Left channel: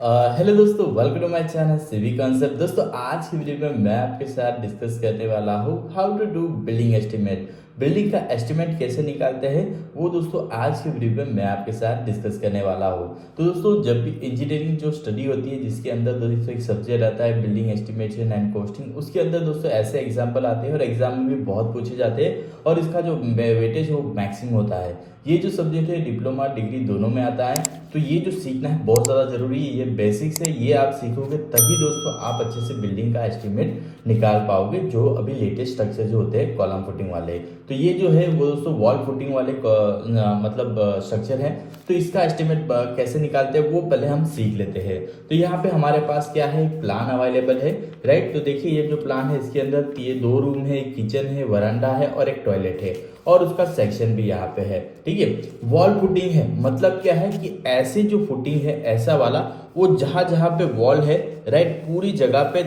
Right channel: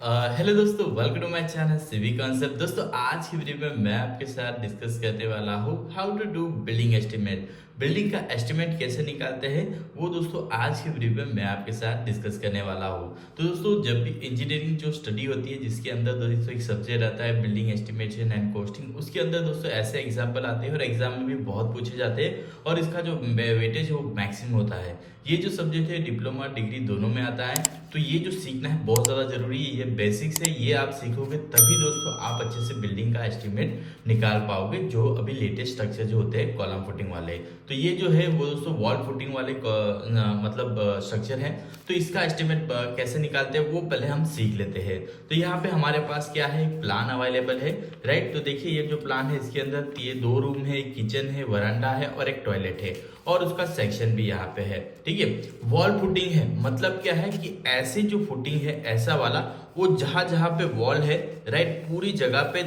Hello दोस्तों, welcome to my channel civic concept. दोस्तों, आज की वीडियो में मैं आपके साथ डिस्कस करने वाला हूँ how to do building estimate. Building का एस्टिमेट कैसे निकालते हैं वो दोस्तों आज की वीडियो में मैं आपके साथ डिस्कस करने वाला हूँ। तो दोस्तों, जब भी इंजीनियरिंग जो स्टडी होती है जिसके अंदर दोस्तों एक सब्जेक्ट आता है बिल्डिंग एस्टिमेशन एंड कॉस्टिंग, उसके अंदर दोस्तों ऐसे एग्जाम्पल आते हैं और एग्जाम में भी बहुत पूछे जाते हैं और इसका जो वेटेज वो मैक्सिमम होता है। ये जो सब्जेक्ट है डिप्लोमा डिग्री दोनों में आता है, तो ये जो सीखना है बहुत ज़्यादा जरूरी है। ये बेसिक्स है, ये आप सीखोगे तभी दोस्तों आप अच्छे से बिल्डिंग का एस्टिमेट निकाल पाओगे। जो अभी लेटेस्ट स्ट्रक्चर जो होते हैं कॉलम फुटिंग वाले, तो ये जो है वो दोस्तों वॉल फुटिंग वाले मतलब स्ट्रक्चर है। तो इसका एस्टिमेट कैसे निकालते हैं वो पहले हम सीख लेते हैं। तो यहाँ पे हमारे पास क्या है, प्लान अवेलेबल है, राइट। तो देखिए ये जो प्लान है इसके अंदर ये 2 रूम है, किचन है, वरांडा है और एक टॉयलेट है और उसका सेक्शन भी यहाँ पे है। ठीक है, वॉल फुटिंग है मतलब क्या है कि ऐसे जो फुटिंग है ऐसा वाला वो जहां जहां पे वॉल है, राइट, पूरी जगह पे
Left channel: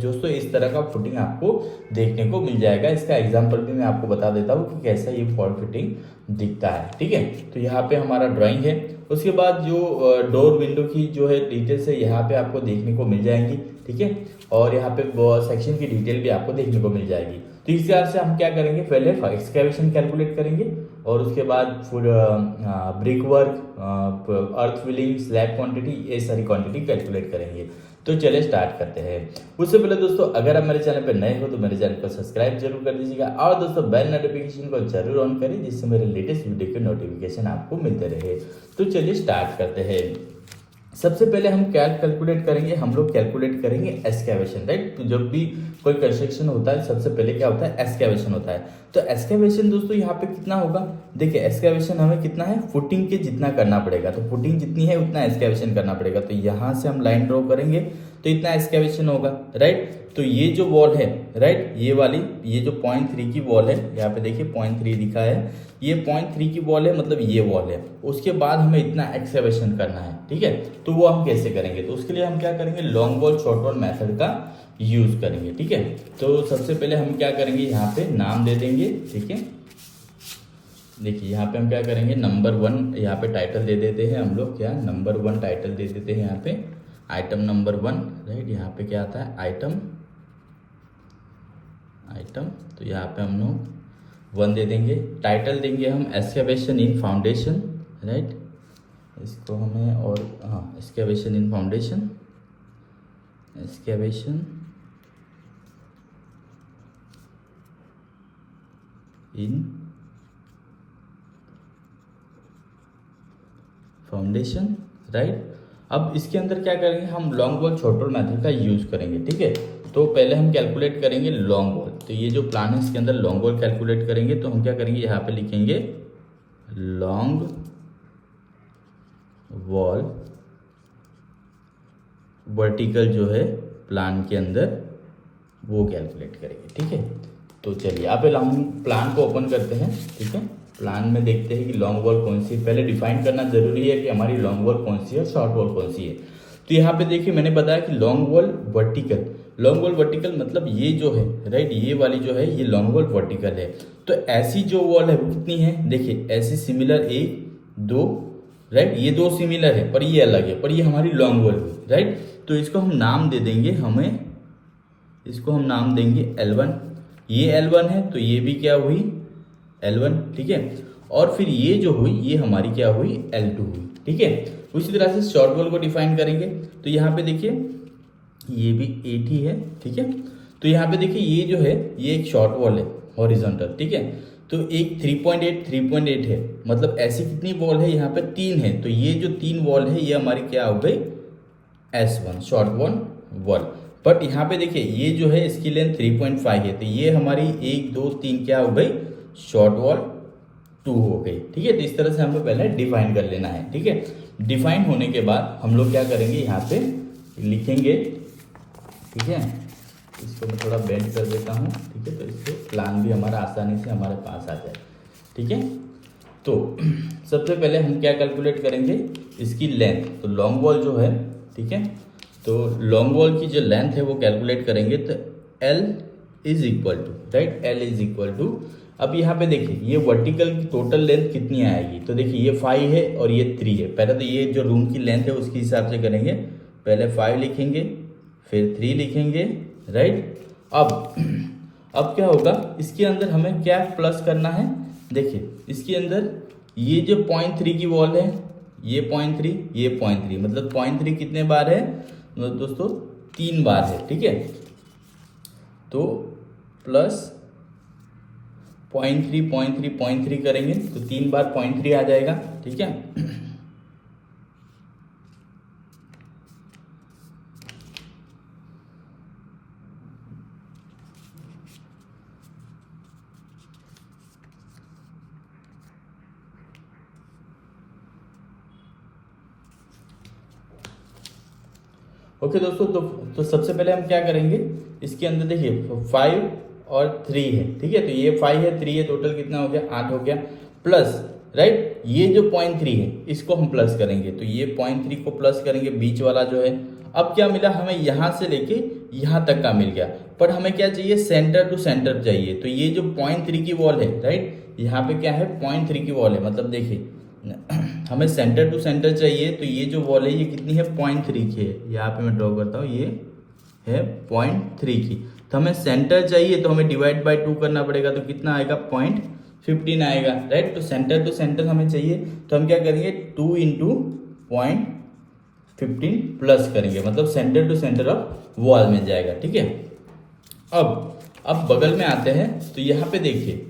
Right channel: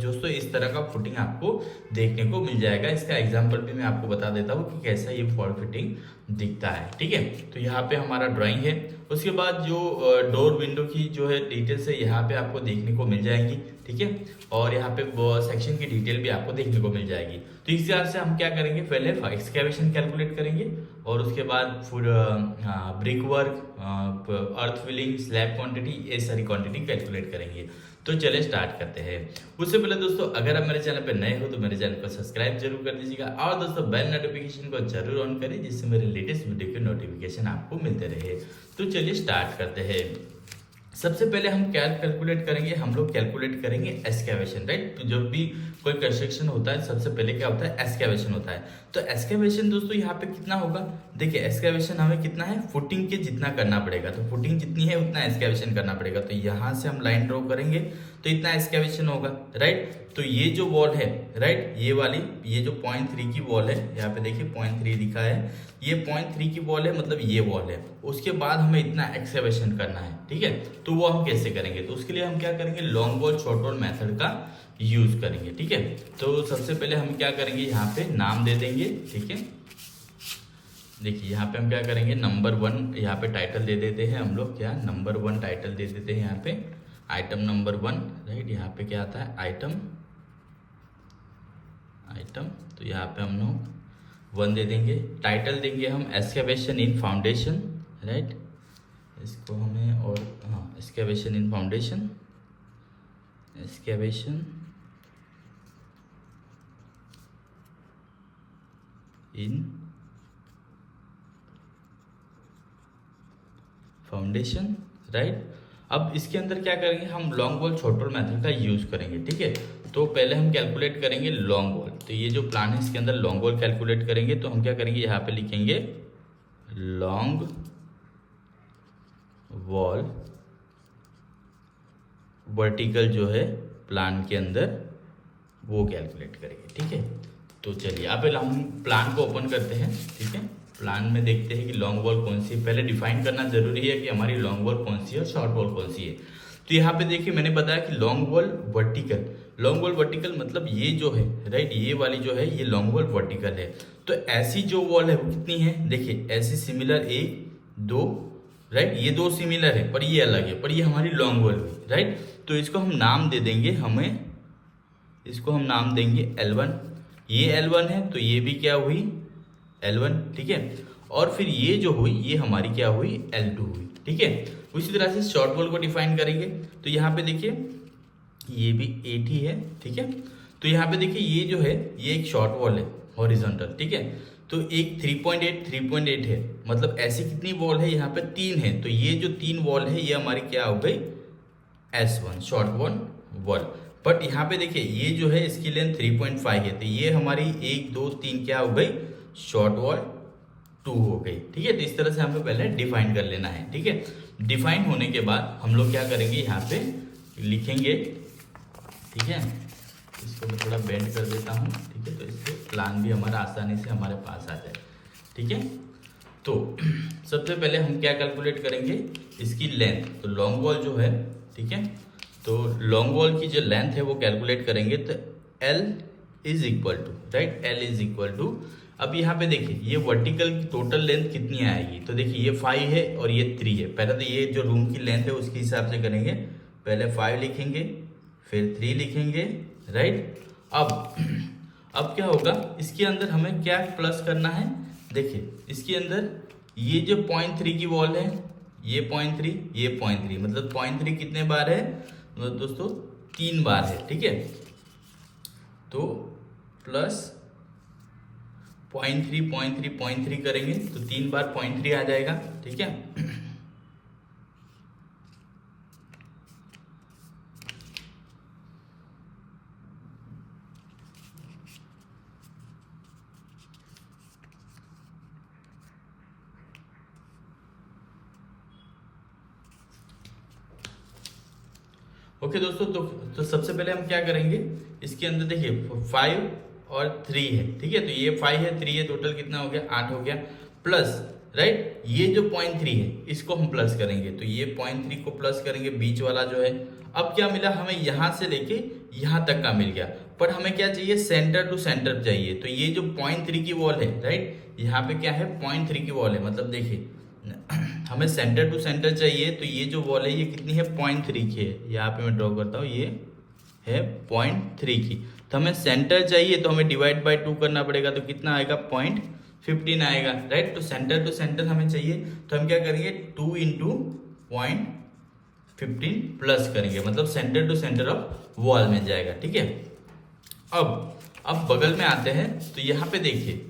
दोस्तों इस तरह का फुटिंग आपको देखने को मिल जाएगा। इसका एग्जांपल भी मैं आपको बता देता हूँ कि कैसा ये वॉल फिटिंग दिखता है। ठीक है, तो यहाँ पे हमारा ड्राइंग है। उसके बाद जो डोर विंडो की जो है डिटेल्स है यहाँ पे आपको देखने को मिल जाएंगी। ठीक है, और यहाँ पे सेक्शन की डिटेल भी आपको देखने को मिल जाएगी। तो इस हिसाब से हम क्या करेंगे, पहले एक्सकेवेशन कैलकुलेट करेंगे और उसके बाद फिर ब्रिक वर्क, अर्थ फिलिंग, स्लैब क्वांटिटी, ये सारी क्वांटिटी कैलकुलेट करेंगे। तो चलिए स्टार्ट करते हैं। उससे पहले दोस्तों अगर आप मेरे चैनल पर नए हो तो मेरे चैनल को सब्सक्राइब जरूर कर दीजिएगा और दोस्तों बेल नोटिफिकेशन को जरूर ऑन करें जिससे मेरे लेटेस्ट वीडियो के नोटिफिकेशन आपको मिलते रहे। तो चलिए स्टार्ट करते हैं। सबसे पहले हम क्या कैलकुलेट करेंगे, हम लोग कैलकुलेट करेंगे एस्केवेशन, राइट। तो जब भी कोई कंस्ट्रक्शन होता है सबसे पहले क्या होता है, एस्केवेशन होता है। तो एस्केवेशन दोस्तों यहाँ पे कितना होगा, देखिए एस्केवेशन हमें कितना है, फुटिंग के जितना करना पड़ेगा। तो फुटिंग जितनी है उतना एस्केवेशन करना पड़ेगा। तो यहाँ से हम लाइन ड्रॉ करेंगे तो इतना एस्केवेशन होगा, राइट। तो ये जो वॉल है, राइट, ये वाली ये जो 0.3 की वॉल है, यहाँ पे देखिए 0.3 लिखा है, ये 0.3 की वॉल है मतलब ये वॉल है। उसके बाद हमें इतना एक्सकेवेशन करना है। ठीक है, तो वो हम कैसे करेंगे, तो उसके लिए हम क्या करेंगे, long wall short wall method का यूज करेंगे। ठीक है, तो सबसे पहले हम क्या करेंगे, यहाँ पे नाम दे देंगे। ठीक है, देखिए यहाँ पे हम क्या करेंगे, नंबर 1 यहाँ पे टाइटल दे देते हैं हम लोग, क्या नंबर 1 टाइटल दे देते हैं यहाँ पे, आइटम नंबर 1, राइट। यहाँ पे क्या आता है, आइटम। तो यहाँ पे हम लोग 1 दे देंगे। टाइटल देंगे हम एक्सकेवेशन इन फाउंडेशन, राइट, इसको हमें, और हाँ एक्सकेवेशन इन फाउंडेशन, एक्सकेवेशन इन फाउंडेशन, राइट। अब इसके अंदर क्या करेंगे, हम long wall short wall method का यूज करेंगे। ठीक है, तो पहले हम कैलकुलेट करेंगे लॉन्ग वॉल। तो ये जो प्लान है इसके अंदर लॉन्ग वॉल कैलकुलेट करेंगे। तो हम क्या करेंगे, यहाँ पे लिखेंगे लॉन्ग वॉल वर्टिकल जो है प्लान के अंदर वो कैलकुलेट करेंगे। ठीक है, तो चलिए अब हम प्लान को ओपन करते हैं। ठीक है, प्लान में देखते हैं कि लॉन्ग वॉल कौन सी है। पहले डिफाइन करना जरूरी है कि हमारी लॉन्ग वॉल कौन सी है और शॉर्ट वॉल कौन सी है। तो यहाँ पे देखिए मैंने बताया कि long wall vertical, long wall vertical मतलब ये जो है, राइट, ये वाली जो है ये लॉन्ग वॉल वर्टिकल है। तो ऐसी जो वॉल है वो कितनी है, देखिए ऐसी सिमिलर 1 2, राइट, ये 2 सिमिलर है पर ये अलग है, पर ये हमारी लॉन्ग वॉल हुई, राइट। तो इसको हम नाम दे देंगे, हमें इसको हम नाम देंगे L1। ये L1 है तो ये भी क्या हुई, L1। ठीक है, और फिर ये जो हुई ये हमारी क्या हुई, L2 हुई। ठीक है, उसी तरह से शॉर्ट वॉल को डिफाइन करेंगे। तो यहाँ पे देखिए ये भी 8 ही है। ठीक है, तो यहाँ पे देखिए ये जो है ये एक शॉर्ट वॉल है हॉरिजॉन्टल। ठीक है, तो एक 3.8 है, मतलब ऐसी कितनी वॉल है, यहाँ पे 3 है। तो ये जो 3 वॉल है ये हमारी क्या हो गई, S1 शॉर्ट वॉल। बट यहाँ पे देखिए ये जो है इसकी लेंथ 3.5 है, तो ये हमारी 1 2 3 क्या हो गई, शॉर्ट वॉल 2 हो गई। ठीक है, तो इस तरह से हमें पहले डिफाइन कर लेना है। ठीक है, डिफाइन होने के बाद हम लोग क्या करेंगे, यहाँ पे लिखेंगे। ठीक है, इसको मैं थोड़ा बेंड कर देता हूँ। ठीक है, तो इससे प्लान भी हमारा आसानी से हमारे पास आ जाए। ठीक है, तो सबसे पहले हम क्या कैलकुलेट करेंगे, इसकी लेंथ। तो लॉन्ग वॉल जो है, ठीक है, तो लॉन्ग वॉल की जो लेंथ है वो कैलकुलेट करेंगे। तो L is equal to, right, L is equal to अब यहाँ पे देखिए ये वर्टिकल की टोटल लेंथ कितनी आएगी, तो देखिए ये 5 है और ये 3 है। पहले तो ये जो रूम की लेंथ है उसके हिसाब से करेंगे, पहले 5 लिखेंगे फिर 3 लिखेंगे, राइट। अब क्या होगा, इसके अंदर हमें क्या प्लस करना है, देखिए इसके अंदर ये जो 0.3 की वॉल है, ये 0.3 ये 0.3, मतलब 0.3 कितने बार है, मतलब दोस्तों 3 बार है, ठीक है। तो प्लस 0.3 0.3 0.3 करेंगे तो 3 बार 0.3 आ जाएगा, ठीक है। ओके दोस्तों, तो सबसे पहले हम क्या करेंगे, इसके अंदर देखिए 5 और 3 है, ठीक है। तो ये 5 है 3 है, टोटल कितना हो गया, 8 हो गया, प्लस राइट ये जो 0.3 है इसको हम प्लस करेंगे, तो ये 0.3 को प्लस करेंगे, बीच वाला जो है। अब क्या मिला हमें, यहाँ से लेके यहाँ तक का मिल गया, पर हमें क्या चाहिए, सेंटर टू सेंटर चाहिए। तो ये जो 0.3 की वॉल है, राइट, यहाँ पे क्या है 0.3 की वॉल है, मतलब देखिए हमें सेंटर टू सेंटर चाहिए। तो ये जो वॉल है ये कितनी है, 0.3 की है, यहाँ पे मैं ड्रॉ करता हूँ, ये है 0.3 की। तो हमें सेंटर चाहिए तो हमें डिवाइड बाय 2 करना पड़ेगा, तो कितना आएगा 0.15 आएगा, राइट। तो सेंटर टू सेंटर हमें चाहिए, तो हम क्या करेंगे 2 इंटू 0.15 प्लस करेंगे, मतलब centre to centre of wall में जाएगा, ठीक है। अब बगल में आते हैं, तो यहाँ पे देखिए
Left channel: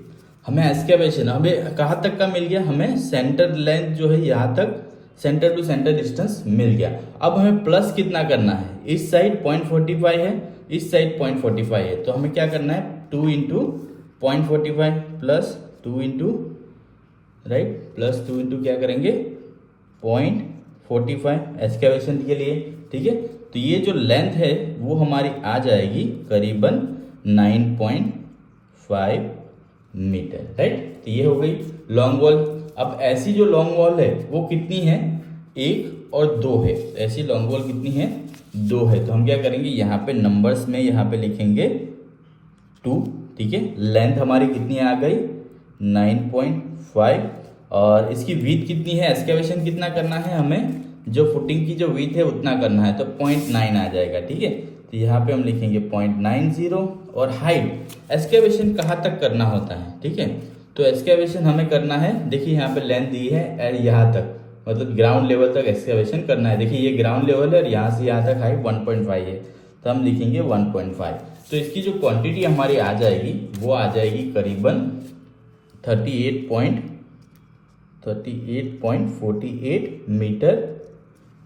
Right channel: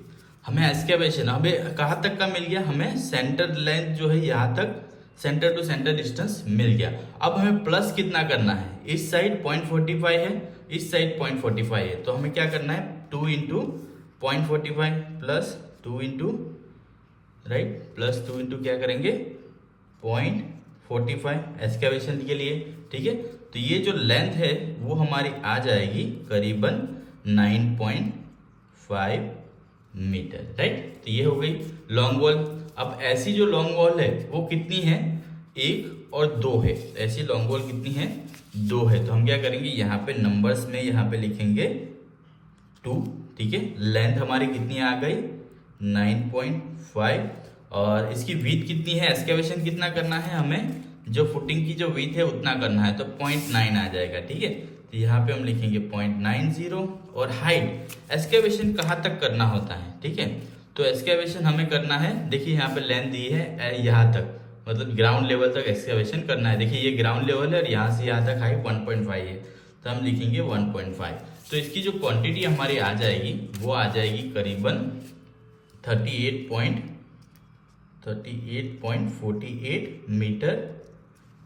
हमें एक्सकैवेशन हमें कहाँ तक का मिल गया, हमें सेंटर लेंथ जो है यहाँ तक सेंटर टू सेंटर डिस्टेंस मिल गया। अब हमें प्लस कितना करना है, इस साइड 0.45 है, इस साइड 0.45 है, तो हमें क्या करना है 2 into 0.45 plus 2 into right, plus 2 into क्या करेंगे 0.45 एक्सकैवेशन के लिए, ठीक है। तो ये जो लेंथ है वो हमारी आ जाएगी करीबन 9.5 मीटर, राइट। तो ये हो गई लॉन्ग वॉल। अब ऐसी जो लॉन्ग वॉल है वो कितनी है, 1 और 2 है, ऐसी लॉन्ग वॉल कितनी है 2 है। तो हम क्या करेंगे यहाँ पे नंबर्स में यहाँ पे लिखेंगे 2, ठीक है। लेंथ हमारी कितनी आ गई 9.5, और इसकी विड्थ कितनी है, एक्सकैवेशन कितना करना है हमें, जो फुटिंग की जो विड्थ है उतना करना है, तो 0.9 आ जाएगा, ठीक है। तो यहाँ पे हम लिखेंगे 0.90। और हाइट एक्सकैवेशन कहाँ तक करना होता है, ठीक है। तो एक्सकैवेशन हमें करना है, देखिए यहाँ पे लेंथ दी है एंड यहाँ तक, मतलब ग्राउंड लेवल तक एक्सकैवेशन करना है। देखिए ये ग्राउंड लेवल है और यहाँ से यहाँ तक हाइट 1.5 है, तो हम लिखेंगे 1.5। तो इसकी जो क्वांटिटी हमारी आ जाएगी वो आ जाएगी करीबन 38.48 मीटर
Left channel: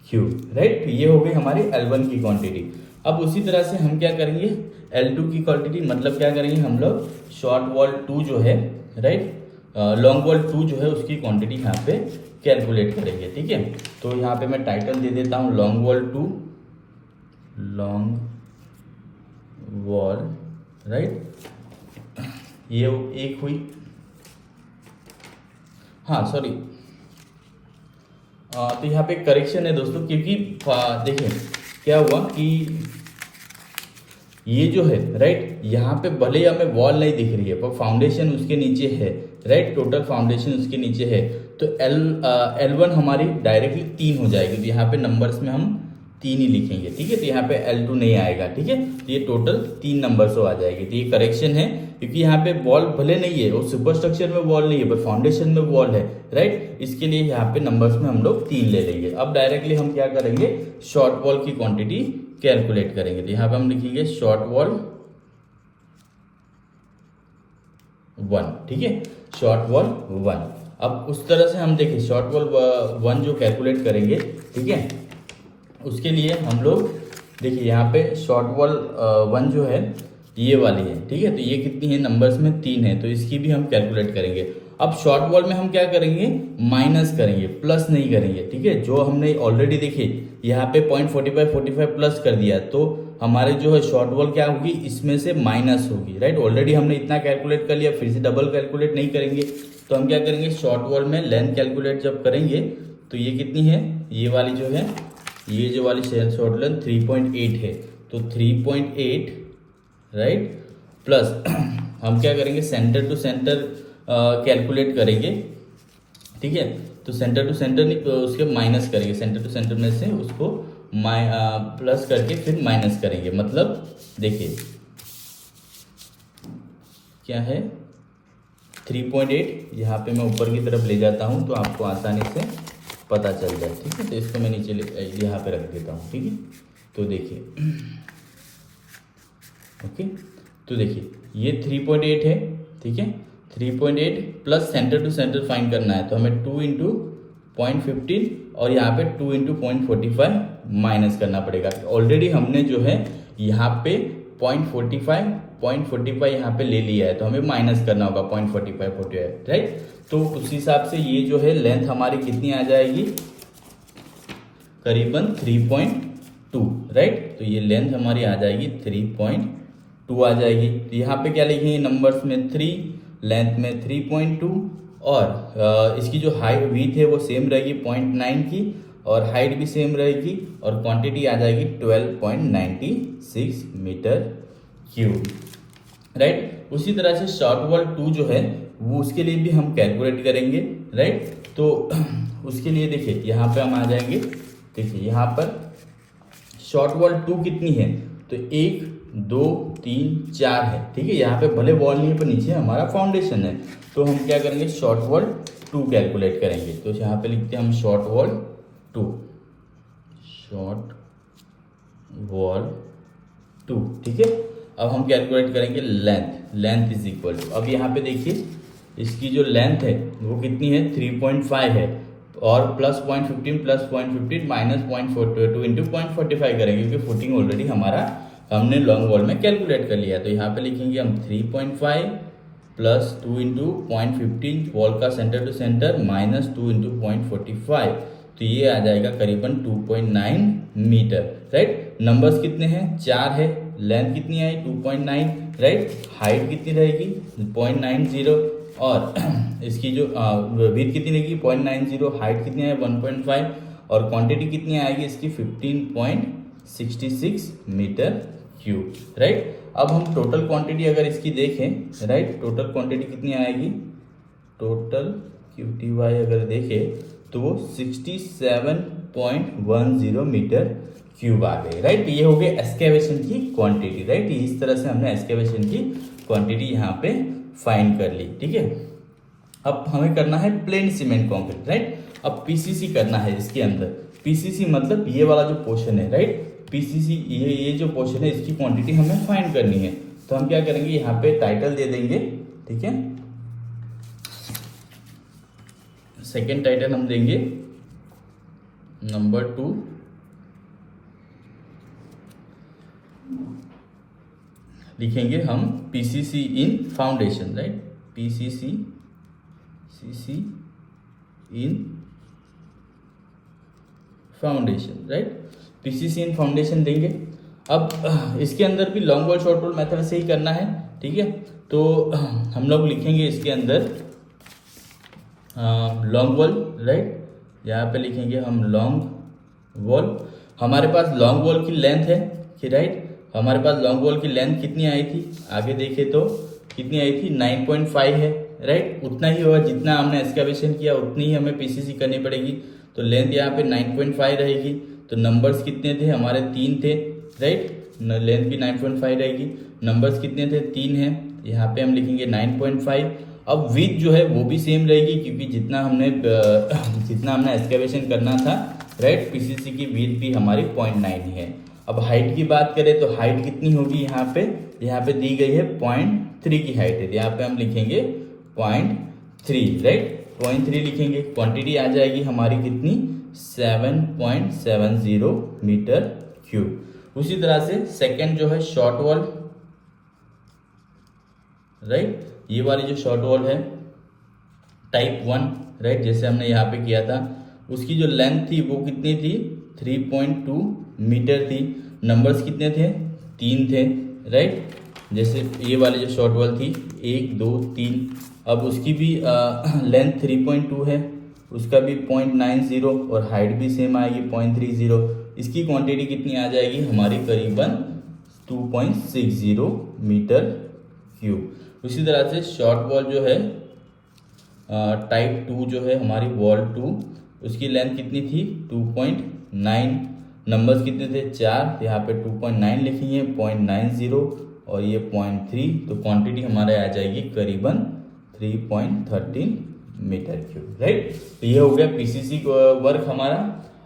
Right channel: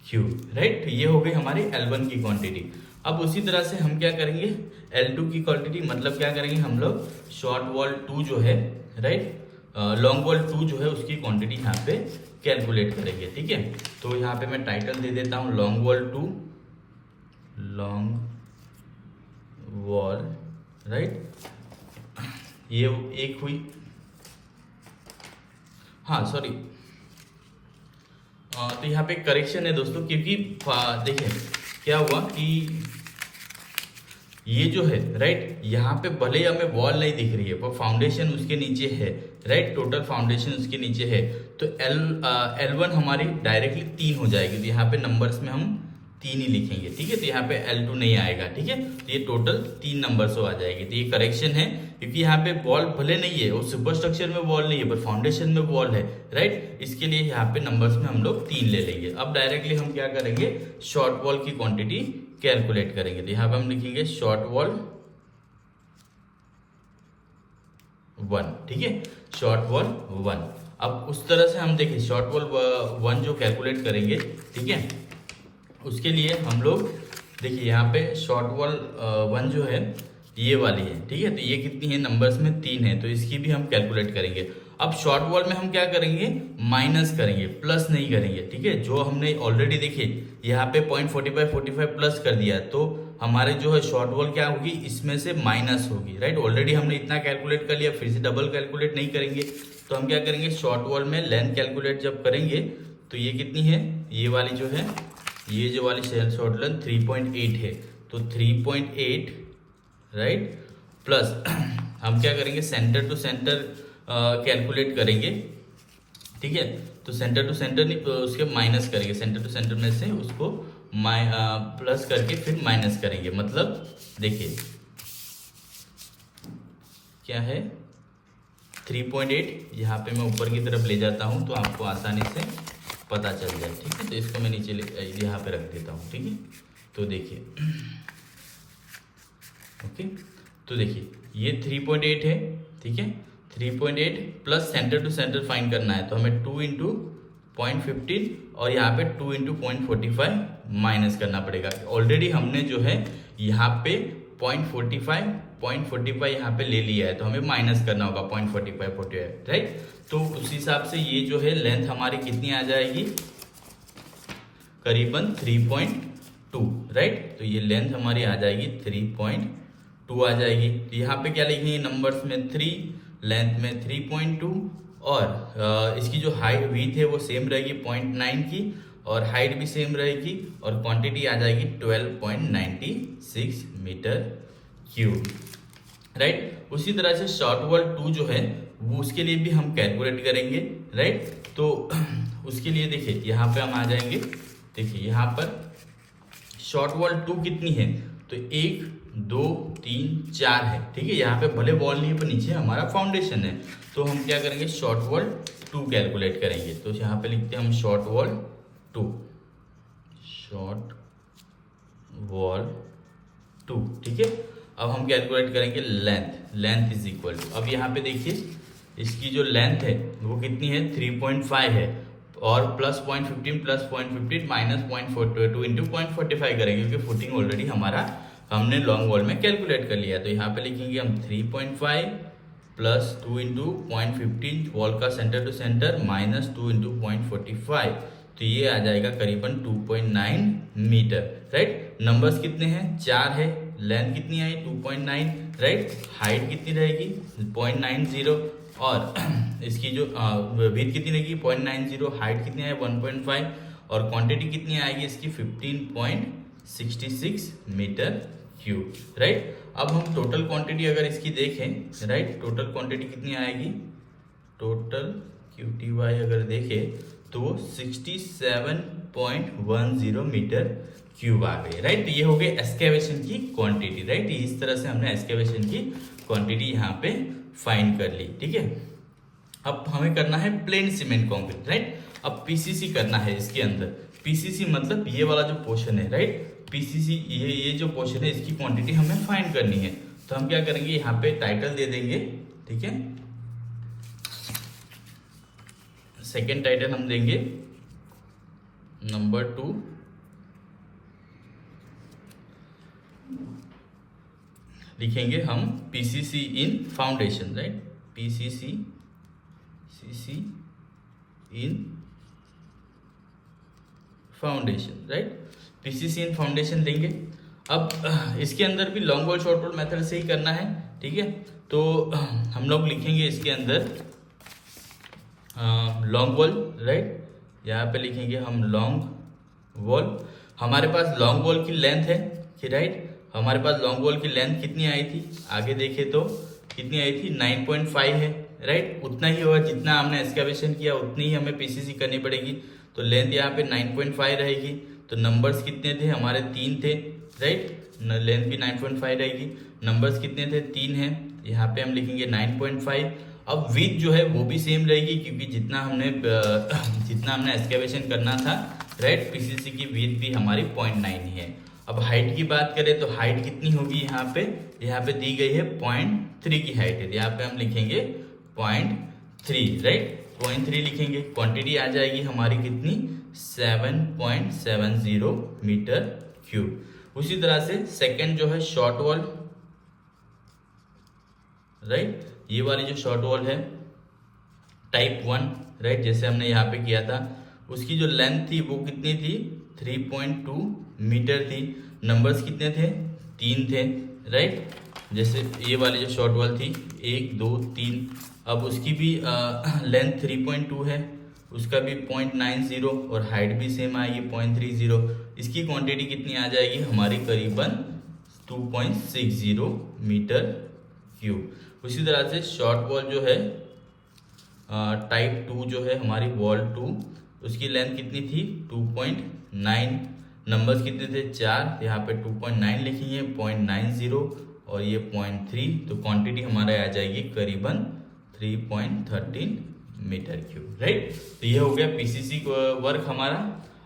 क्यूब, राइट। ये हो गई हमारी L1 की क्वांटिटी। अब उसी तरह से हम क्या करेंगे L2 की क्वांटिटी, मतलब क्या करेंगे हम लोग शॉर्ट वॉल 2 जो है, राइट, लॉन्ग वॉल 2 जो है उसकी क्वांटिटी यहाँ पे कैलकुलेट करेंगे, ठीक है। तो यहाँ पे मैं टाइटल दे देता हूँ long wall 2, long wall, right, ये एक हुई, हाँ सॉरी, तो यहाँ पे करेक्शन है दोस्तों, क्योंकि देखिए क्या हुआ कि ये जो है राइट, यहाँ पे भले ही हमें वॉल नहीं दिख रही है पर फाउंडेशन उसके नीचे है, राइट, टोटल फाउंडेशन उसके नीचे है। तो L1 हमारी डायरेक्टली 3 हो जाएगी, तो यहाँ पे नंबर्स में हम 3 ही लिखेंगे, ठीक है। तो यहाँ पे L2 नहीं आएगा, ठीक है। तो ये टोटल 3 नंबर्स हो आ जाएगी। तो ये करेक्शन है, क्योंकि यहाँ पे वॉल भले नहीं है, वो सुपर स्ट्रक्चर में वॉल नहीं है पर फाउंडेशन में वॉल है, राइट। इसके लिए यहाँ पे नंबर्स में हम लोग 3 ले लेंगे। अब डायरेक्टली हम क्या करेंगे शॉर्ट वॉल की क्वांटिटी कैलकुलेट करेंगे। तो यहाँ पे हम लिखेंगे शॉर्ट वॉल 1, ठीक है, शॉर्ट वॉल 1। अब उस तरह से हम देखिए शॉर्ट वॉल 1 जो कैलकुलेट करेंगे, ठीक है, उसके लिए हम लोग देखिए यहाँ पे शॉर्ट वॉल 1 जो है ये वाली है, ठीक है। तो ये कितनी है नंबर्स में 3 है, तो इसकी भी हम कैलकुलेट करेंगे। अब शॉर्ट वॉल में हम क्या करेंगे माइनस करेंगे, प्लस नहीं करेंगे, ठीक है। जो हमने ऑलरेडी देखिए यहाँ पे 0.45 प्लस कर दिया, तो हमारे जो है शॉर्ट वॉल क्या होगी इसमें से माइनस होगी, राइट। ऑलरेडी हमने इतना कैलकुलेट कर लिया, फिर से डबल कैलकुलेट नहीं करेंगे। तो हम क्या करेंगे शॉर्ट वॉल में लेंथ कैलकुलेट जब करेंगे तो ये कितनी है, ये वाली जो है, ये जो वाली शॉर्ट लेंथ 3.8 है, तो 3.8 राइट प्लस हम क्या करेंगे, सेंटर टू सेंटर कैलकुलेट करेंगे, ठीक है। तो सेंटर टू सेंटर नहीं, उसके माइनस करेंगे, सेंटर टू सेंटर में से उसको प्लस करके फिर माइनस करेंगे। मतलब देखिए क्या है 3.8, यहाँ पे मैं ऊपर की तरफ ले जाता हूँ तो आपको आसानी से पता चल जाए, ठीक है। तो इसको मैं नीचे यहाँ पे रख देता हूँ, ठीक है। तो देखिए ओके, तो देखिए ये 3.8 है, ठीक है। 3.8 plus centre to centre find करना है, तो हमें 2 इंटू 0.15 और यहाँ पे 2 इंटू 0.45 माइनस करना पड़ेगा। ऑलरेडी हमने जो है यहाँ पे 0.45 यहाँ पे ले लिया है, तो हमें माइनस करना होगा 0.45 राइट। तो उस हिसाब से ये जो है लेंथ हमारी कितनी आ जाएगी, करीबन 3.2 राइट। तो ये लेंथ हमारी आ जाएगी 3.2 आ जाएगी। तो यहाँ पे क्या लिखेंगे, नंबर्स में 3, लेंथ में 3.2 और इसकी जो हाइट विड्थ है वो सेम रहेगी 0.9 की, और हाइट भी सेम रहेगी, और क्वांटिटी आ जाएगी 12.96 मीटर क्यूब राइट। उसी तरह से शॉर्ट वॉल 2 जो है वो उसके लिए भी हम कैलकुलेट करेंगे राइट। तो उसके लिए देखिए यहाँ पे हम आ जाएंगे, देखिए यहाँ पर शॉर्ट वॉल 2 कितनी है, तो 1 2 3 4 है, ठीक है। यहाँ पे भले वॉल नहीं है पर नीचे हमारा फाउंडेशन है, तो हम क्या करेंगे शॉर्ट वॉल 2 कैलकुलेट करेंगे। तो यहाँ पे लिखते हैं हम शॉर्ट वॉल 2, शॉर्ट वॉल 2, ठीक है। अब हम कैलकुलेट करेंगे लेंथ इज इक्वल टू, अब यहाँ पे देखिए इसकी जो लेंथ है वो कितनी है 3.5 है, और प्लस 0.15 माइनस 0.42 इंटू 0.45 करेंगे, क्योंकि फुटिंग ऑलरेडी हमने लॉन्ग वॉल में कैलकुलेट कर लिया। तो यहाँ पे लिखेंगे हम 3.5 प्लस 2 इंटू 0.15 वॉल का centre to centre minus 2 into 0.45, तो ये आ जाएगा करीबन 2.9 मीटर राइट। नंबर्स कितने हैं, 4 है, लेंथ कितनी आई 2.9 राइट, हाइट कितनी रहेगी 0.90, और इसकी जो विड्थ कितनी रहेगी 0.90, हाइट कितनी है 1.5, और क्वांटिटी कितनी आएगी इसकी 15.66 मीटर क्यूब राइट। अब हम टोटल क्वांटिटी अगर इसकी देखें राइट, टोटल क्वांटिटी कितनी आएगी, टोटल QTY अगर देखें तो वो 67.10 मीटर क्यूब आ गई राइट। तो ये हो गई एक्सकेवेशन की क्वांटिटी राइट। इस तरह से हमने एक्सकेवेशन की क्वांटिटी यहाँ पे फाइंड कर ली, ठीक है। अब हमें करना है प्लेन सीमेंट कॉन्क्रीट राइट। अब PCC करना है इसके अंदर, PCC मतलब ये वाला जो पोर्शन है राइट, PCC ये जो पोर्शन है इसकी क्वांटिटी हमें फाइंड करनी है। तो हम क्या करेंगे यहाँ पे टाइटल दे देंगे, ठीक है। सेकेंड टाइटल हम देंगे नंबर 2, लिखेंगे हम PCC इन फाउंडेशन राइट, PCC इन फाउंडेशन राइट, PCC इन फाउंडेशन देंगे। अब इसके अंदर भी long wall short wall method से ही करना है, ठीक है। तो हम लोग लिखेंगे इसके अंदर लॉन्ग वॉल राइट, यहाँ पे लिखेंगे हम लॉन्ग वॉल। हमारे पास लॉन्ग वॉल की लेंथ है कि राइट, हमारे पास लॉन्ग वॉल की लेंथ कितनी आई थी, आगे देखे तो कितनी आई थी 9.5 है राइट। उतना ही होगा जितना हमने एक्सकेवेशन किया, उतनी ही हमें PCC करनी पड़ेगी। तो लेंथ यहाँ पे 9.5 रहेगी। तो नंबर्स कितने थे हमारे 3 थे राइट, लेंथ भी 9.5 रहेगी। नंबर्स कितने थे 3 है, यहाँ पे हम लिखेंगे 9.5। अब विड्थ जो है वो भी सेम रहेगी, क्योंकि जितना हमने एक्सकेवेशन करना था राइट, PCC की विड्थ भी हमारी 0.9 ही है। अब हाइट की बात करें तो हाइट कितनी होगी, यहाँ पे दी गई है 0.3 की हाइट है, यहाँ पे हम लिखेंगे 0.3 राइट, 0.3 लिखेंगे। क्वांटिटी आ जाएगी हमारी कितनी 7.70 मीटर क्यूब। उसी तरह से सेकंड जो है शॉर्ट वॉल राइट, ये वाली जो शॉर्ट वॉल है टाइप 1 राइट, जैसे हमने यहाँ पे किया था, उसकी जो लेंथ थी वो कितनी थी 3.2 मीटर थी। नंबर्स कितने थे 3 थे राइट, जैसे ये वाली जो शॉर्ट वॉल थी 1 2 3। अब उसकी भी लेंथ 3.2 है, उसका भी 0.90 और हाइट भी सेम आएगी 0.30। इसकी क्वांटिटी कितनी आ जाएगी हमारी करीबन 2.60 मीटर क्यूब। उसी तरह से शॉर्ट वॉल जो है टाइप 2 जो है हमारी वॉल 2, उसकी लेंथ कितनी थी 2.9, नंबर्स कितने थे 4, यहाँ पे 2.9 लिखी है, 0.90 और ये 0.3, तो क्वांटिटी हमारे आ जाएगी करीबन 3.13 मीटर क्यूब, राइट। तो ये हो गया पीसीसी वर्क हमारा।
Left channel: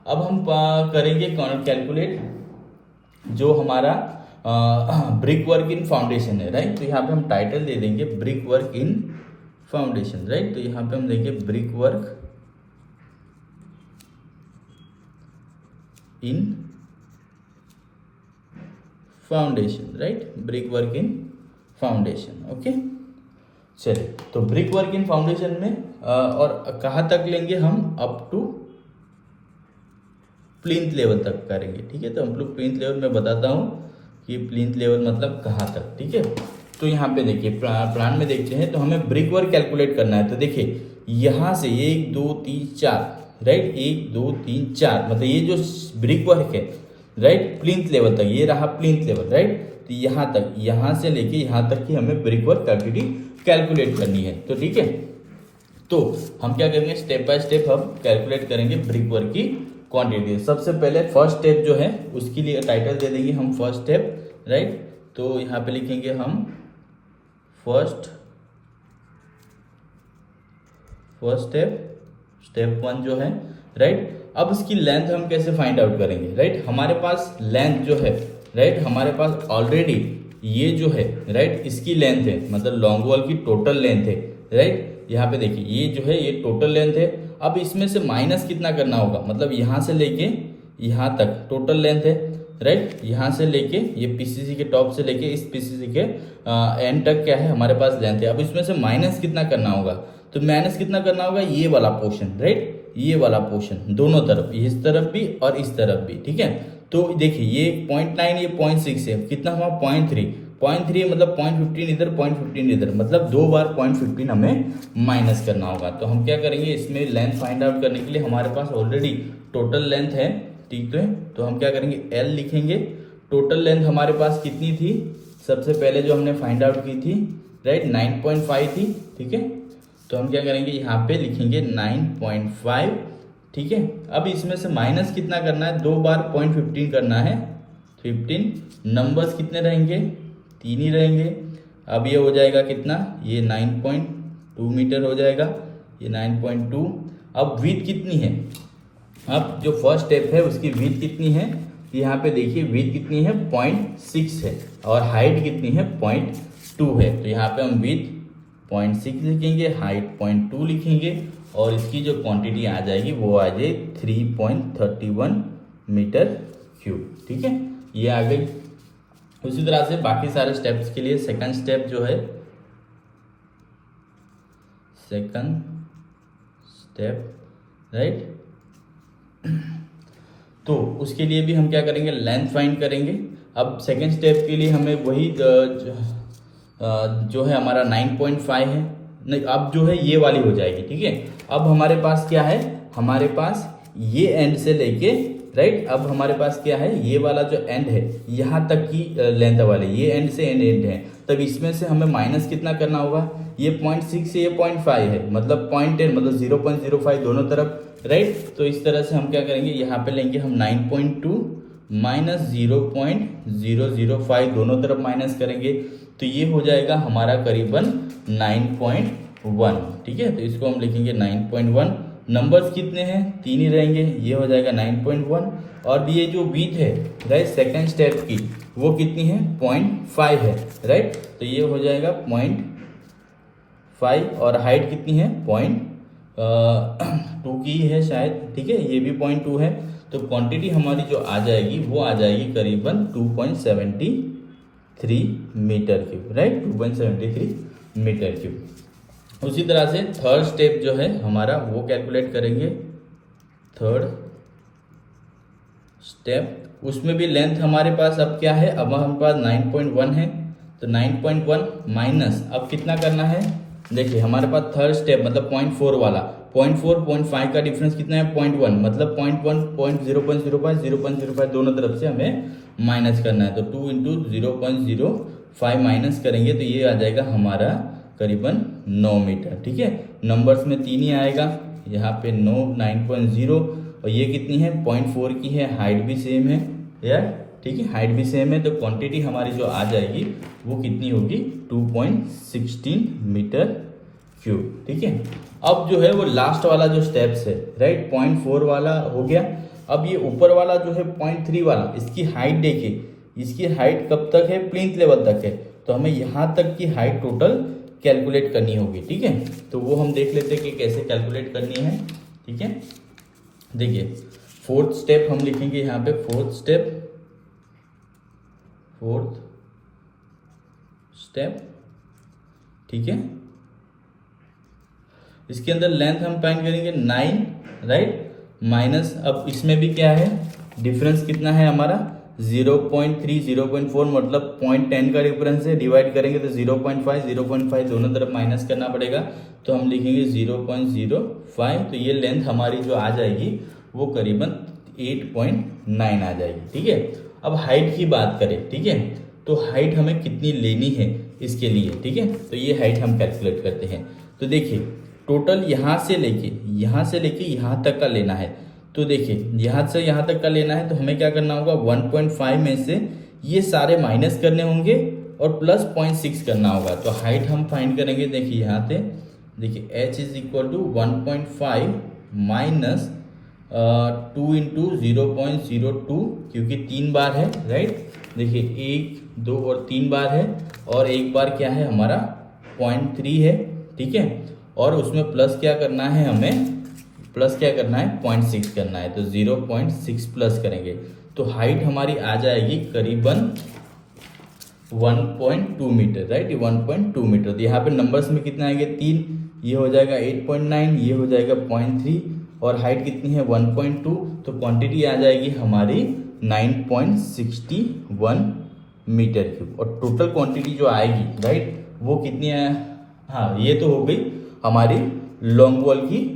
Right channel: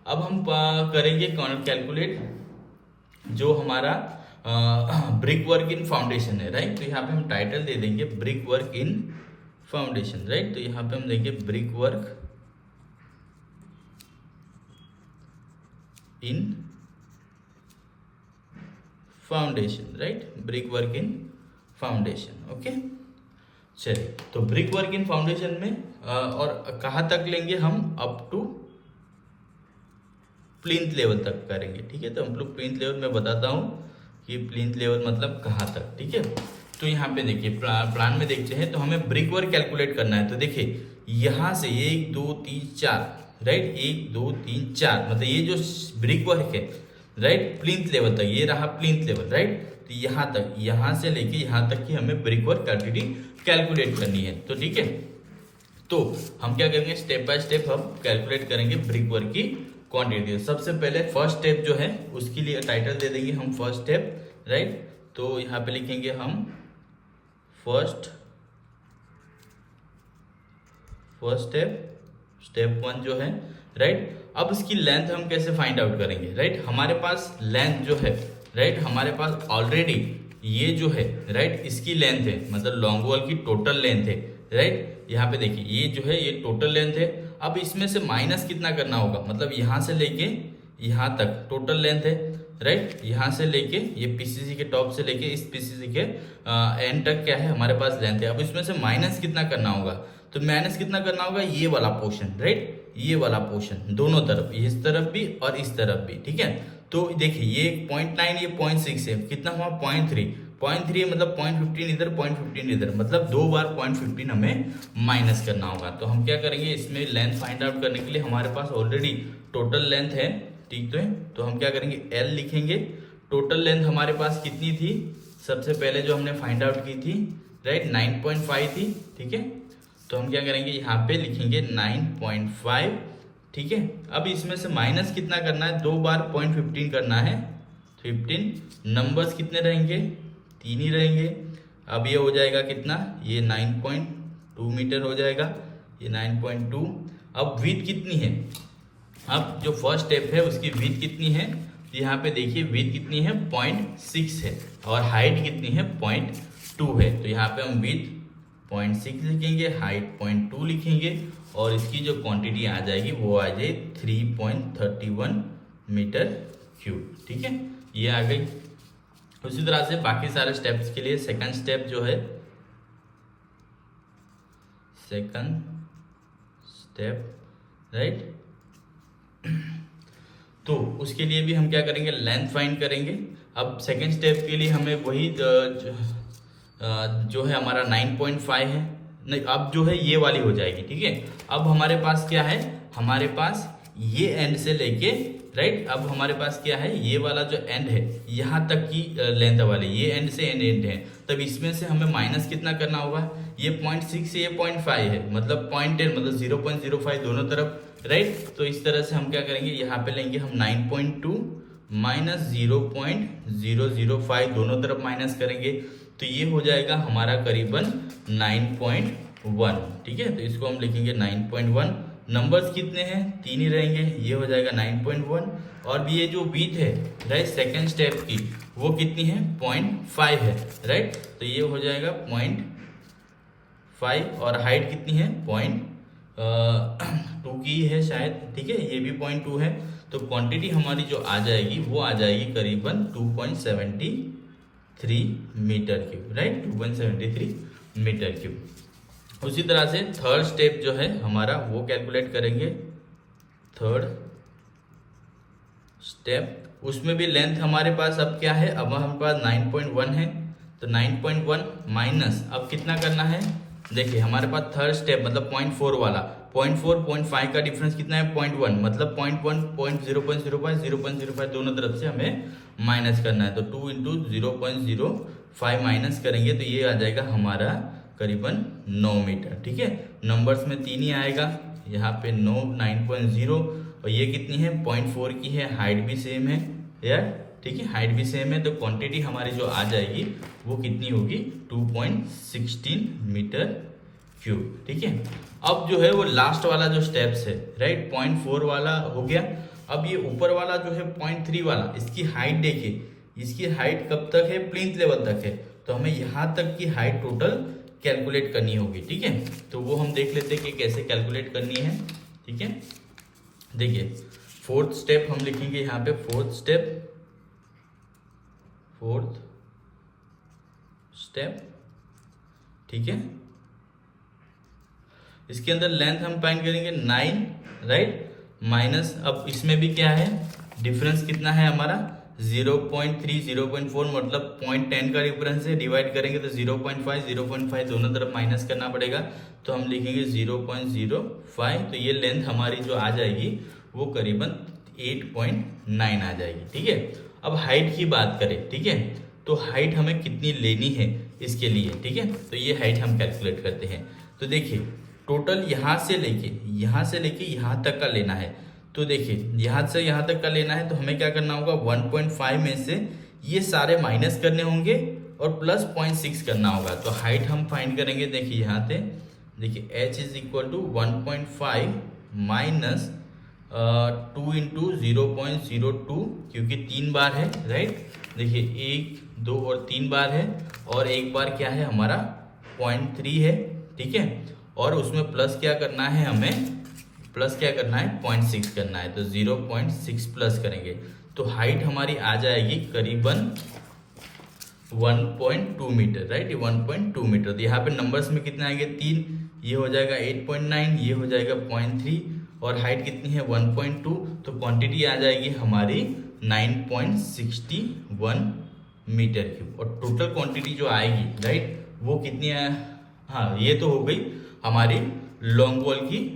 अब हम करेंगे कैलकुलेट जो हमारा ब्रिक वर्क इन फाउंडेशन है, राइट। तो यहाँ पे हम टाइटल दे देंगे ब्रिक वर्क इन फाउंडेशन, राइट। तो यहाँ पे हम देंगे ब्रिक वर्क इन फाउंडेशन, राइट, ब्रिक वर्क इन फाउंडेशन, ओके। चलिए, तो ब्रिक वर्क इन फाउंडेशन में और कहाँ तक लेंगे हम, अप टू प्लिंथ लेवल तक करेंगे, ठीक है। तो हम लोग प्लिंथ लेवल में बताता हूँ कि प्लिंथ लेवल मतलब कहाँ तक, ठीक है। तो यहाँ पे देखिए प्लान में देखते हैं, तो हमें ब्रिक वर्क कैलकुलेट करना है। तो देखिए यहाँ से 1 2 3 4, राइट, 1 2 3 4, मतलब ये जो ब्रिक वर्क है, राइट, प्लिंथ लेवल तक, ये रहा प्लिंथ लेवल, राइट। तो यहाँ तक, यहाँ से लेके यहाँ तक की हमें ब्रिक वर्क क्वांटिटी कैलकुलेट करनी है। तो ठीक है, तो हम क्या करेंगे, स्टेप बाय स्टेप हम कैलकुलेट करेंगे ब्रिक वर्क की क्वांटिटी। सबसे पहले फर्स्ट स्टेप जो है उसके लिए टाइटल दे देंगे हम फर्स्ट स्टेप, राइट। तो यहाँ पे लिखेंगे हम फर्स्ट स्टेप 1 जो है, राइट। अब इसकी लेंथ हम कैसे फाइंड आउट करेंगे, राइट। हमारे पास लेंथ जो है, राइट, हमारे पास ऑलरेडी ये जो है, राइट, इसकी लेंथ है, मतलब लॉन्ग वॉल की टोटल लेंथ है, राइट। यहाँ पे देखिए ये जो है ये टोटल लेंथ है। अब इसमें से माइनस कितना करना होगा, मतलब यहाँ से लेके यहाँ तक टोटल लेंथ है, राइट। यहाँ से लेके ये पीसीसी के टॉप से लेके इस पीसीसी के एंड तक क्या है हमारे पास लेंथ है। अब इसमें से माइनस कितना करना होगा, तो माइनस कितना करना होगा, ये वाला पोर्शन, राइट, ये वाला पोर्शन दोनों तरफ, इस तरफ भी और इस तरफ भी, ठीक है। तो देखिए ये 0.9 ये 0.6 है, कितना हुआ 0.3 मतलब 0.15 इधर 0.15 इधर, मतलब 2 बार 0.15 हमें माइनस करना होगा। तो हम क्या करेंगे, इसमें लेंथ फाइंड आउट करने के लिए हमारे पास ऑलरेडी टोटल लेंथ है, ठीक है। तो हम क्या करेंगे, L लिखेंगे। टोटल लेंथ हमारे पास कितनी थी, सबसे पहले जो हमने फाइंड आउट की थी, राइट, 9.5 थी, ठीक है। तो हम क्या करेंगे, यहाँ पे लिखेंगे 9.5, ठीक है। अब इसमें से माइनस कितना करना है, 2 बार 0.15 करना है, 15, नंबर्स कितने रहेंगे, 3 ही रहेंगे। अब ये हो जाएगा कितना, ये 9.2 मीटर हो जाएगा, ये 9.2। अब विड्थ कितनी है, अब जो फर्स्ट स्टेप है उसकी विड्थ कितनी है, यहाँ पे देखिए विड्थ कितनी है 0.6 है और हाइट कितनी है 0.2 है। तो यहाँ पे हम विड्थ 0.6 लिखेंगे, हाइट 0.2 लिखेंगे और इसकी जो क्वांटिटी आ जाएगी वो आ जाए 3.31 मीटर क्यूब, ठीक है, ये आ गई। उसी तरह से बाकी सारे स्टेप्स के लिए सेकंड स्टेप जो है, सेकंड स्टेप, राइट, तो उसके लिए भी हम क्या करेंगे, लेंथ फाइंड करेंगे। अब सेकंड स्टेप के लिए हमें वही जो है हमारा 9.5 है, नहीं अब जो है ये वाली हो जाएगी, ठीक है। अब हमारे पास क्या है, हमारे पास ये एंड से लेके, राइट, अब हमारे पास क्या है, ये वाला जो एंड है यहाँ तक की लेंथ वाले, ये एंड से एंड है। तब इसमें से हमें माइनस कितना करना होगा, ये 0.6 से ये 0.5 है, मतलब 0.10 मतलब 0.05 दोनों तरफ, राइट। तो इस तरह से हम क्या करेंगे, यहाँ पे लेंगे हम 9.2 माइनस 0.005 दोनों तरफ माइनस करेंगे, तो ये हो जाएगा हमारा करीबन 9.1, ठीक है। तो इसको हम लिखेंगे 9.1, नंबर्स कितने हैं, 3 ही रहेंगे, ये हो जाएगा 9.1। और ये जो विड्थ है, राइट, सेकेंड स्टेप की वो कितनी है 0.5 है, राइट। तो ये हो जाएगा 0.5 और हाइट कितनी है 0.2 की है शायद, ठीक है, ये भी 0.2 है। तो क्वांटिटी हमारी जो आ जाएगी वो आ जाएगी करीबन 2.73 metre cube, right, 2.73 metre cube. उसी तरह से थर्ड स्टेप जो है हमारा वो कैलकुलेट करेंगे, थर्ड स्टेप, उसमें भी लेंथ हमारे पास अब क्या है, अब हमारे पास 9.1 है, तो 9.1 माइनस अब कितना करना है, देखिए हमारे पास थर्ड स्टेप मतलब 0.4 वाला, 0.4 0.5 का डिफरेंस कितना है 0.1, मतलब 0.1 0.05 0.05 दोनों तरफ से हमें माइनस करना है। तो 2 × 0.05 5 माइनस करेंगे तो ये आ जाएगा हमारा करीबन 9 मीटर। ठीक है, नंबर्स में 3 ही आएगा, यहाँ पे 9.0 और ये कितनी है 0.4 की है, हाइट भी सेम है यार। ठीक है, हाइट भी सेम है, तो क्वांटिटी हमारी जो आ जाएगी वो कितनी होगी 2.16 मीटर क्यूब। ठीक है, अब जो है वो लास्ट वाला जो स्टेप्स है राइट, 0.4 वाला हो गया। अब ये ऊपर वाला जो है 0.3 वाला, इसकी हाइट देखिए, इसकी हाइट कब तक है, प्लिंथ लेवल तक है, तो हमें यहाँ तक की हाइट टोटल कैलकुलेट करनी होगी। ठीक है, तो वो हम देख लेते हैं कि कैसे कैलकुलेट करनी है। ठीक है, देखिए फोर्थ स्टेप हम लिखेंगे यहाँ पे, फोर्थ स्टेप। ठीक है, इसके अंदर लेंथ हम फाइंड करेंगे 9 राइट, माइनस अब इसमें भी क्या है डिफरेंस कितना है हमारा 0.3 0.4 मतलब 0.10 का डिफरेंस है, डिवाइड करेंगे तो 0.5 दोनों तरफ माइनस करना पड़ेगा, तो हम लिखेंगे 0.05। तो ये लेंथ हमारी जो आ जाएगी वो करीबन 8.9 आ जाएगी। ठीक है, अब हाइट की बात करें, ठीक है, तो हाइट हमें कितनी लेनी है इसके लिए। ठीक है, तो ये हाइट हम कैलकुलेट करते हैं। तो देखिए टोटल यहाँ से लेके यहाँ तक का लेना है, तो देखिए यहाँ से यहाँ तक का लेना है, तो हमें क्या करना होगा 1.5 में से ये सारे माइनस करने होंगे और प्लस 0.6 करना होगा। तो हाइट हम फाइंड करेंगे, देखिए यहाँ से देखिए h is equal to 1.5 minus 2 into 0.02, क्योंकि 3 बार है राइट, देखिए 1 2 और 3 बार है, और एक बार क्या है हमारा 0.3 है। ठीक है, और उसमें प्लस क्या करना है, हमें प्लस क्या करना है 0.6 करना है, तो 0.6 प्लस करेंगे तो हाइट हमारी आ जाएगी करीबन 1.2 मीटर राइट, 1.2 मीटर। तो यहाँ पे नंबर्स में कितना आएगा 3, ये हो जाएगा 8.9, ये हो जाएगा 0.3 और हाइट कितनी है 1.2, तो क्वांटिटी आ जाएगी हमारी 9.61 मीटर क्यूब। और टोटल क्वांटिटी जो आएगी राइट वो कितनी है, हाँ ये तो हो गई हमारी लॉन्ग वॉल की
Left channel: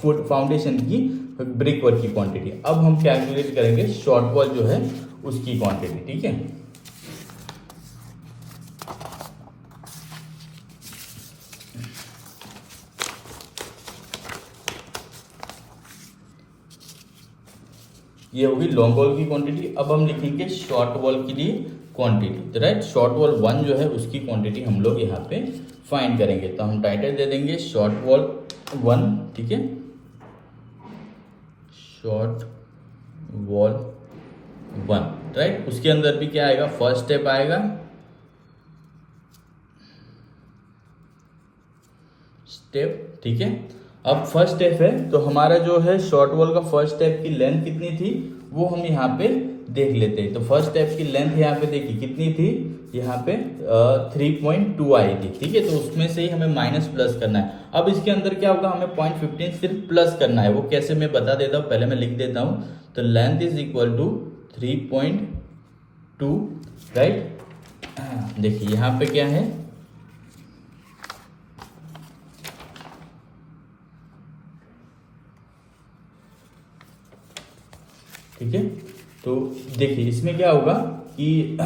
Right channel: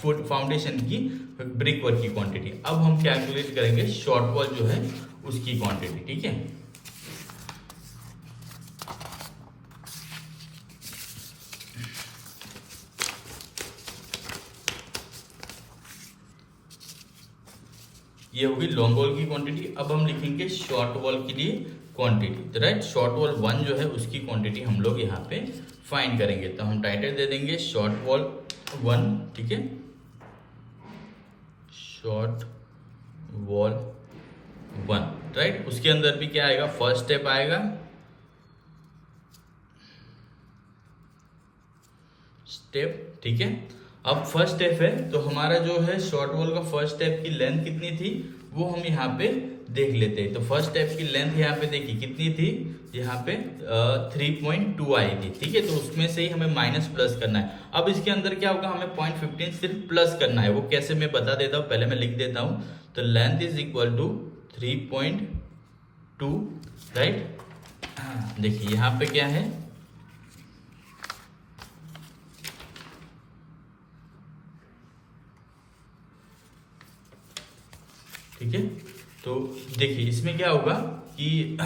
फुट फाउंडेशन की ब्रिक वर्क की क्वांटिटी। अब हम कैलकुलेट करेंगे शॉर्ट वॉल जो है उसकी क्वांटिटी। ठीक है, ये होगी लॉन्ग वॉल की क्वांटिटी। अब हम लिखेंगे शॉर्ट वॉल के लिए क्वांटिटी, तो राइट शॉर्ट वॉल 1 जो है उसकी क्वांटिटी हम लोग यहाँ पे फाइंड करेंगे। तो हम टाइटल दे देंगे शॉर्ट वॉल 1। ठीक है, शॉर्ट वॉल 1 राइट, उसके अंदर भी क्या आएगा, फर्स्ट स्टेप आएगा स्टेप। ठीक है, अब फर्स्ट स्टेप है तो हमारा जो है शॉर्ट वॉल का फर्स्ट स्टेप की लेंथ कितनी थी वो हम यहाँ पे देख लेते हैं। तो फर्स्ट स्टेप की लेंथ यहाँ पे देखिए कितनी थी, यहाँ पे 3.2 आएगी। ठीक है, तो उसमें से ही हमें माइनस प्लस करना है। अब इसके अंदर क्या होगा, हमें 0.15 सिर्फ प्लस करना है, वो कैसे मैं बता देता हूँ, पहले मैं लिख देता हूँ। तो length is equal to 3.2 right. देखिए यहाँ पे क्या है, ठीक है, तो देखिए इसमें क्या होगा कि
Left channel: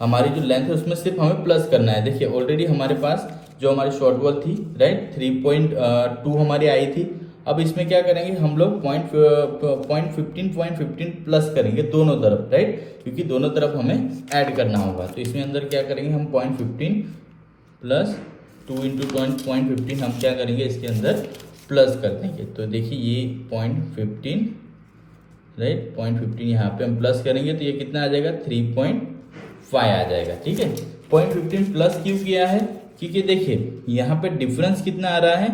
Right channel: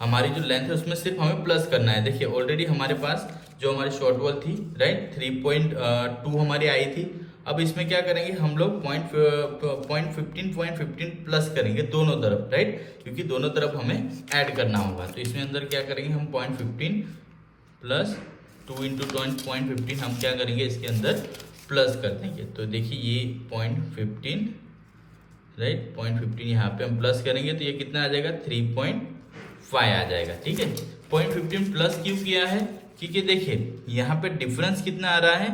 हमारी जो लेंथ है उसमें सिर्फ हमें प्लस करना है। देखिए ऑलरेडी हमारे पास जो हमारी शॉर्ट वॉल थी राइट 3.2 हमारी आई थी। अब इसमें क्या करेंगे हम लोग 0.15 प्लस करेंगे दोनों तरफ राइट, क्योंकि दोनों तरफ हमें ऐड करना होगा। तो इसमें अंदर क्या करेंगे हम 0.15 प्लस 2 इंटू 0.15 हम क्या करेंगे इसके अंदर प्लस कर देंगे। तो देखिए ये 0.15 राइट, 0.15 यहाँ पे हम प्लस करेंगे तो ये कितना आ जाएगा 3.5 आ जाएगा। ठीक है, 0.15 प्लस क्यों किया है, क्योंकि देखिए यहाँ पे डिफरेंस कितना आ रहा है,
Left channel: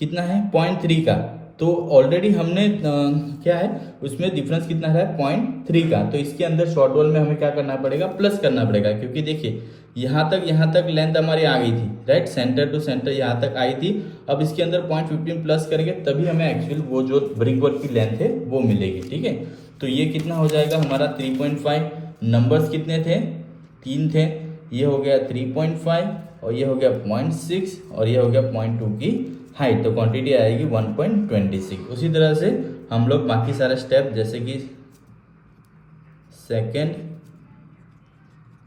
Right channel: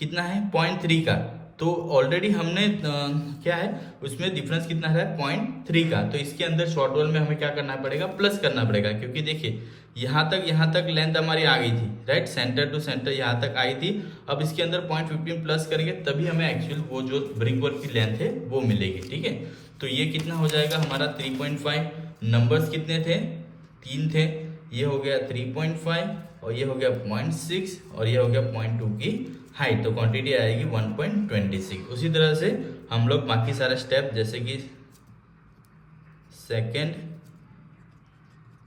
कितना है 0.3 का। तो ऑलरेडी हमने क्या है उसमें डिफरेंस कितना है 0.3 का, तो इसके अंदर शॉर्ट वॉल में हमें क्या करना पड़ेगा प्लस करना पड़ेगा, क्योंकि देखिए यहाँ तक लेंथ हमारी आ गई थी राइट, सेंटर टू सेंटर यहाँ तक आई थी। अब इसके अंदर 0.15 प्लस करेंगे तभी हमें एक्चुअल वो जो ब्रिक वर्क की लेंथ है वो मिलेगी। ठीक है, तो ये कितना हो जाएगा हमारा 3.5, नंबर्स कितने थे 3 थे, ये हो गया 3.5 और ये हो गया 0.6 और ये हो गया 0.2 की हाइट, तो क्वांटिटी आएगी 1.26। उसी तरह से हम लोग बाकी सारे स्टेप जैसे कि सेकेंड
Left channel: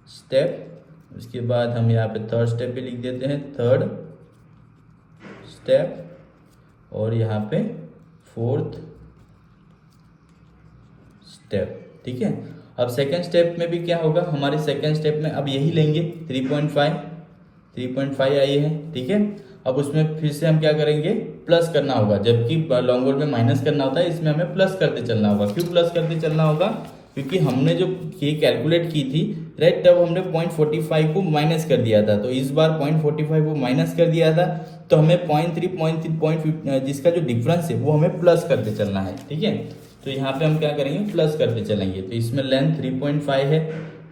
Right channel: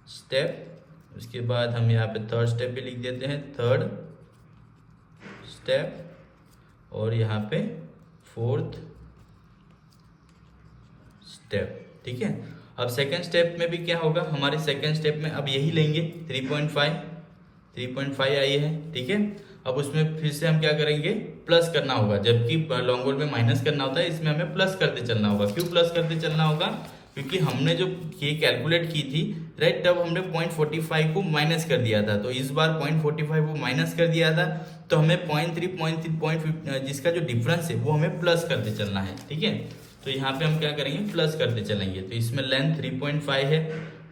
स्टेप उसके बाद हम यहाँ पे थर्ड स्टेप भी लिख देते हैं, थर्ड स्टेप, और यहाँ पे फोर्थ स्टेप। ठीक है, अब सेकेंड स्टेप में भी क्या होगा, हमारे सेकेंड स्टेप में अब यही लेंगे 3.5 आई है। ठीक है, अब उसमें फिर से हम क्या करेंगे, प्लस करना होगा, जबकि लॉन्ग में माइनस करना होता है, इसमें हमें प्लस करते चलना होगा। क्यों प्लस करते चलना होगा, क्योंकि हमने जो ये कैलकुलेट की थी राइट, तब हमने 0.45 को माइनस कर दिया था, तो इस बार 0.45 को माइनस कर दिया था, तो हमें 0.3 जिसका जो डिफरेंस है वो हमें प्लस करते चलना है। ठीक है, तो यहाँ पे हम क्या करेंगे, प्लस करते चलेंगे। तो इसमें लेंथ 3.5 है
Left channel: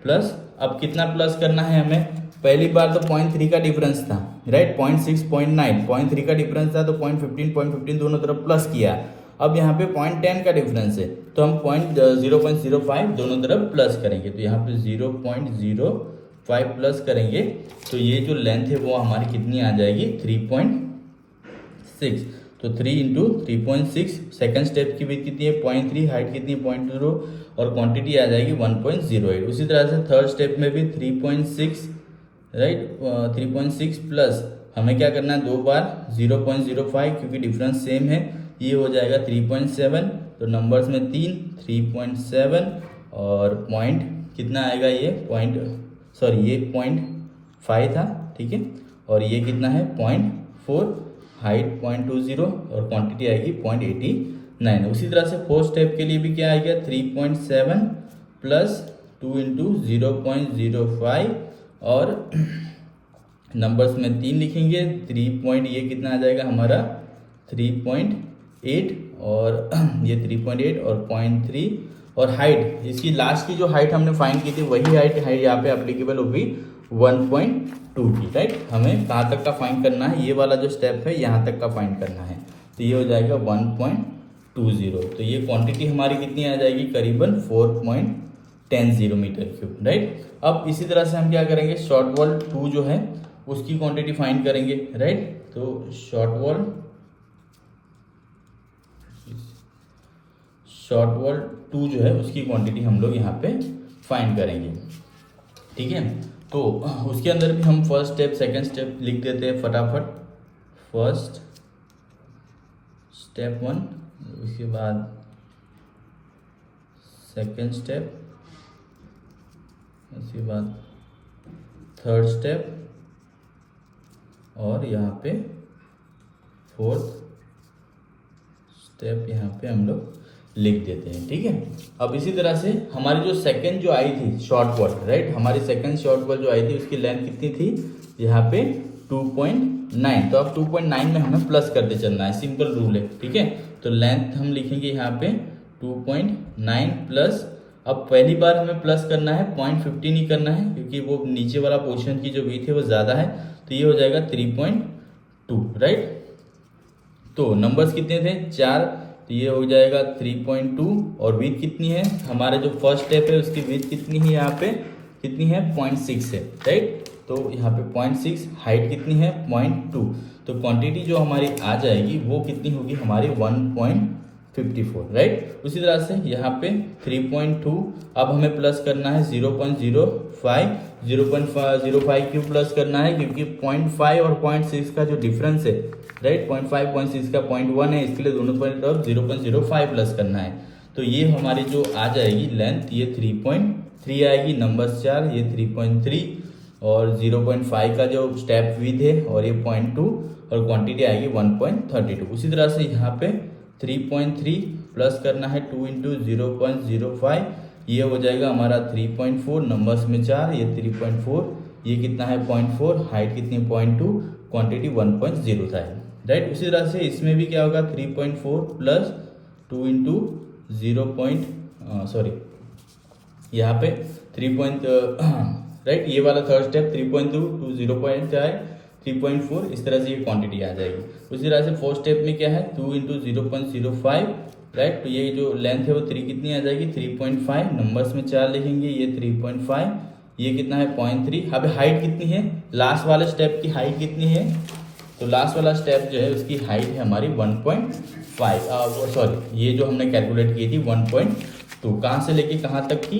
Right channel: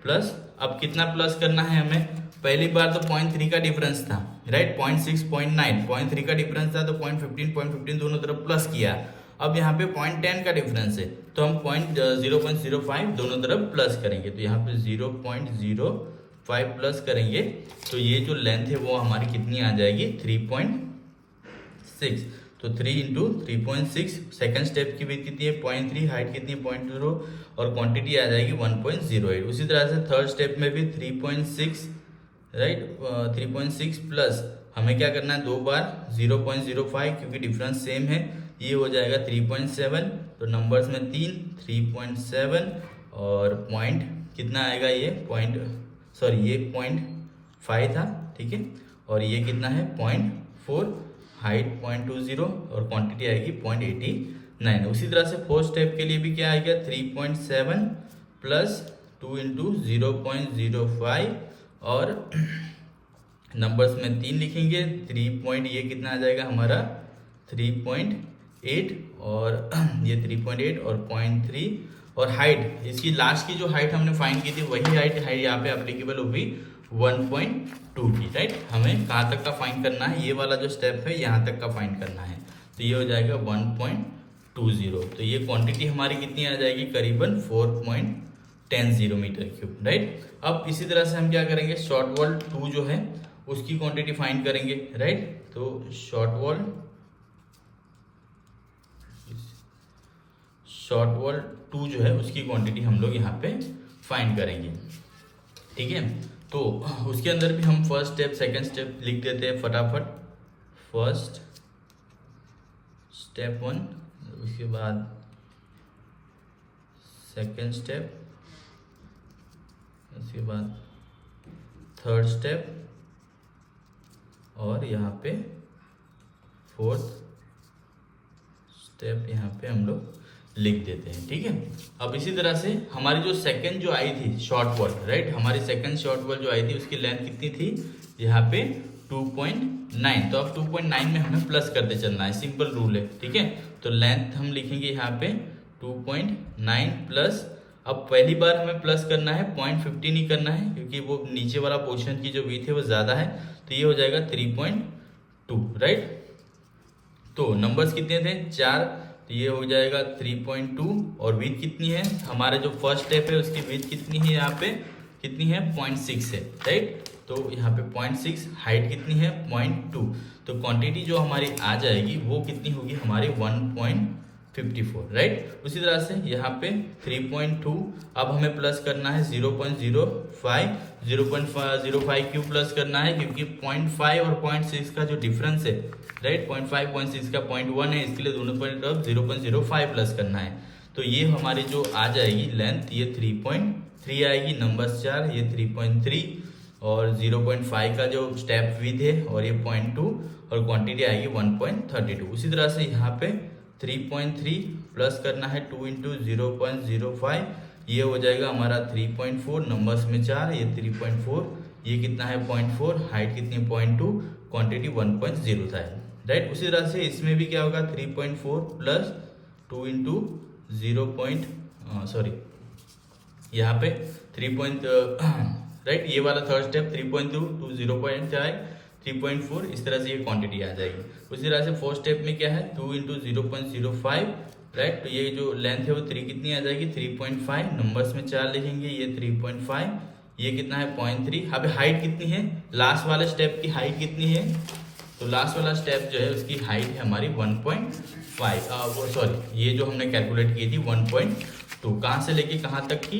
प्लस, अब कितना प्लस करना है हमें, पहली बार तो 0.3 का डिफरेंस था राइट, 0.6 0.9 0.3 का डिफरेंस था, तो 0.15 दोनों तरफ प्लस किया। अब यहाँ पे 0.10 का डिफरेंस है, तो हम 0.05 दोनों तरफ प्लस करेंगे, तो यहाँ पे 0.05 प्लस करेंगे, तो ये जो लेंथ है वो हमारी कितनी आ जाएगी, 3.6। तो 3 इंटू 3.6, सेकेंड स्टेप की भी कितनी है 0.3, हाइट कितनी है 0.0, और क्वांटिटी आ जाएगी 1.08। उसी तरह से थर्ड स्टेप में भी 3.6 राइट, 3.6 प्लस हमें क्या करना है, दो बार 0.05, क्योंकि डिफरेंस सेम है, ये हो जाएगा 3.7, तो नंबर्स में 3.7, और पॉइंट कितना आएगा, ये ये 0.5 था। ठीक है, और ये कितना है 0.4, हाइट 0.20, और क्वांटिटी आएगी 0.89। उसी तरह से फोर्थ स्टेप के लिए भी क्या आएगा, 3.7 प्लस 2 इंटू 0.05, और नंबर्स में 3 लिखेंगे, 3 ये कितना आ जाएगा हमारा 3.8, और ये 3.8 और 0.3, और हाइट इसकी लास्ट की जो हाइट हमने फाइंड की थी वही हाइट है यहाँ पे एप्लीकेबल होगी 1.2 की राइट। हमें कहाँ तक का फाइंड करना है, ये वाला जो स्टेप है यहाँ तक का फाइंड करना है, तो ये हो जाएगा 1.20। तो ये क्वांटिटी हमारी कितनी आ जाएगी, करीबन 4.10 मीटर क्यूब राइट। अब इसी तरह से हम क्या करेंगे, शॉर्ट वॉल 2 जो है उसकी क्वांटिटी फाइंड करेंगे राइट। तो शॉर्ट वॉल 2 जो है उसकी क्वांटिटी हम लोग यहाँ पे फाइंड करेंगे। ठीक है, तो उसके अंदर भी हम फर्स्ट स्टेप सेकंड स्टेप लिख देते हैं फटाफट। फर्स्ट स्टेप 1, उसके बाद सेकंड स्टेप, उसके बाद थर्ड स्टेप, और यहाँ पे फोर्थ स्टेप यहाँ पे हम लोग लिख देते हैं। ठीक है, अब इसी तरह से हमारी जो सेकंड जो आई थी शॉर्ट वॉल राइट, हमारी सेकंड शॉर्ट वॉल जो आई थी उसकी लेंथ कितनी थी, यहाँ पे 2.9, तो अब 2.9 में हमें प्लस करते चलना है, सिंपल रूल है। ठीक है, तो लेंथ हम लिखेंगे यहाँ पे 2.9 प्लस, अब पहली बार हमें प्लस करना है, 0.50 नहीं करना है, क्योंकि वो नीचे वाला पोर्शन की जो विड्थ है वो ज़्यादा है, तो ये हो जाएगा 3.2 राइट। तो नंबर्स कितने थे 4, तो ये हो जाएगा 3.2, और विड्थ कितनी है, हमारा जो फर्स्ट स्टेप है उसकी विड्थ कितनी है, यहाँ पे कितनी है 0.6 है राइट। तो यहाँ पे 0.6, हाइट कितनी है 0.2, तो क्वांटिटी जो हमारी आ जाएगी वो कितनी होगी हमारी 1.54 राइट। उसी तरह से यहाँ पे 3.2, अब हमें प्लस करना है 0.05 क्यों प्लस करना है, क्योंकि 0.5 और 0.6 का जो डिफरेंस है राइट, 0.5 0.6 का 0.1 है, इसके लिए दोनों पॉइंट अब 0.05 प्लस करना है। तो ये हमारी जो आ जाएगी लेंथ, ये 3.3 आएगी, नंबर 4 ये 3.3, और 0.5 का जो स्टेप विथ है, और ये 0.2, और क्वांटिटी आएगी 1.32। उसी तरह से यहाँ पे 3.3 प्लस करना है 2 इंटू 0.05, ये हो जाएगा हमारा 3.4, नंबर्स में 4 ये 3.4, ये कितना है 0.4, हाइट कितनी 0.2, क्वांटिटी 1.0 था राइट। उसी तरह से इसमें भी क्या होगा 3.4 प्लस 2 इंटू 0. यहाँ पे 3. राइट, ये वाला थर्ड स्टेप 3.2 टू 0.4, इस तरह से ये क्वांटिटी आ जाएगी। उसी तरह से फोर्थ स्टेप में क्या है 2 इंटू 0.05 राइट, तो ये जो लेंथ है वो 3 कितनी आ जाएगी 3.5, नंबर्स में 4 लिखेंगे, ये 3.5, ये कितना है 0.3। अब हाइट कितनी है, लास्ट वाले स्टेप की हाइट कितनी है, तो लास्ट वाला स्टेप जो है उसकी हाइट है हमारी 1.5, ये जो हमने कैलकुलेट की थी 1.2, कहाँ से लेके कहाँ तक की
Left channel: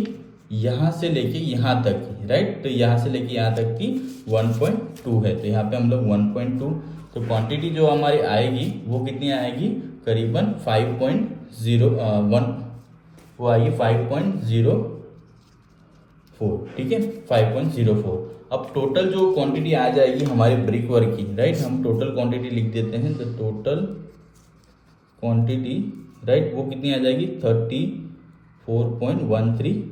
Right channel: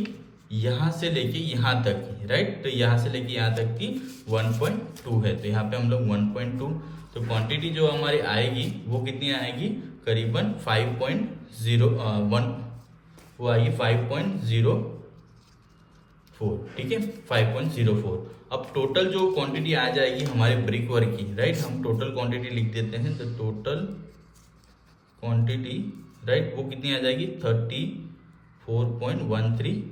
यहाँ से लेके यहाँ तक की, राइट। तो यहाँ से लेके यहाँ तक की 1.2 है, तो यहाँ पे हम लोग 1.2, तो क्वांटिटी जो हमारी आएगी वो कितनी आएगी, करीबन 5.01, वो आएगी 5.04, ठीक है, 5.04। अब टोटल जो क्वांटिटी आ जाएगी हमारे ब्रिक वर्क की, राइट, हम टोटल क्वांटिटी लिख देते हैं, तो टोटल क्वांटिटी, राइट, वो कितनी आ जाएगी 34.13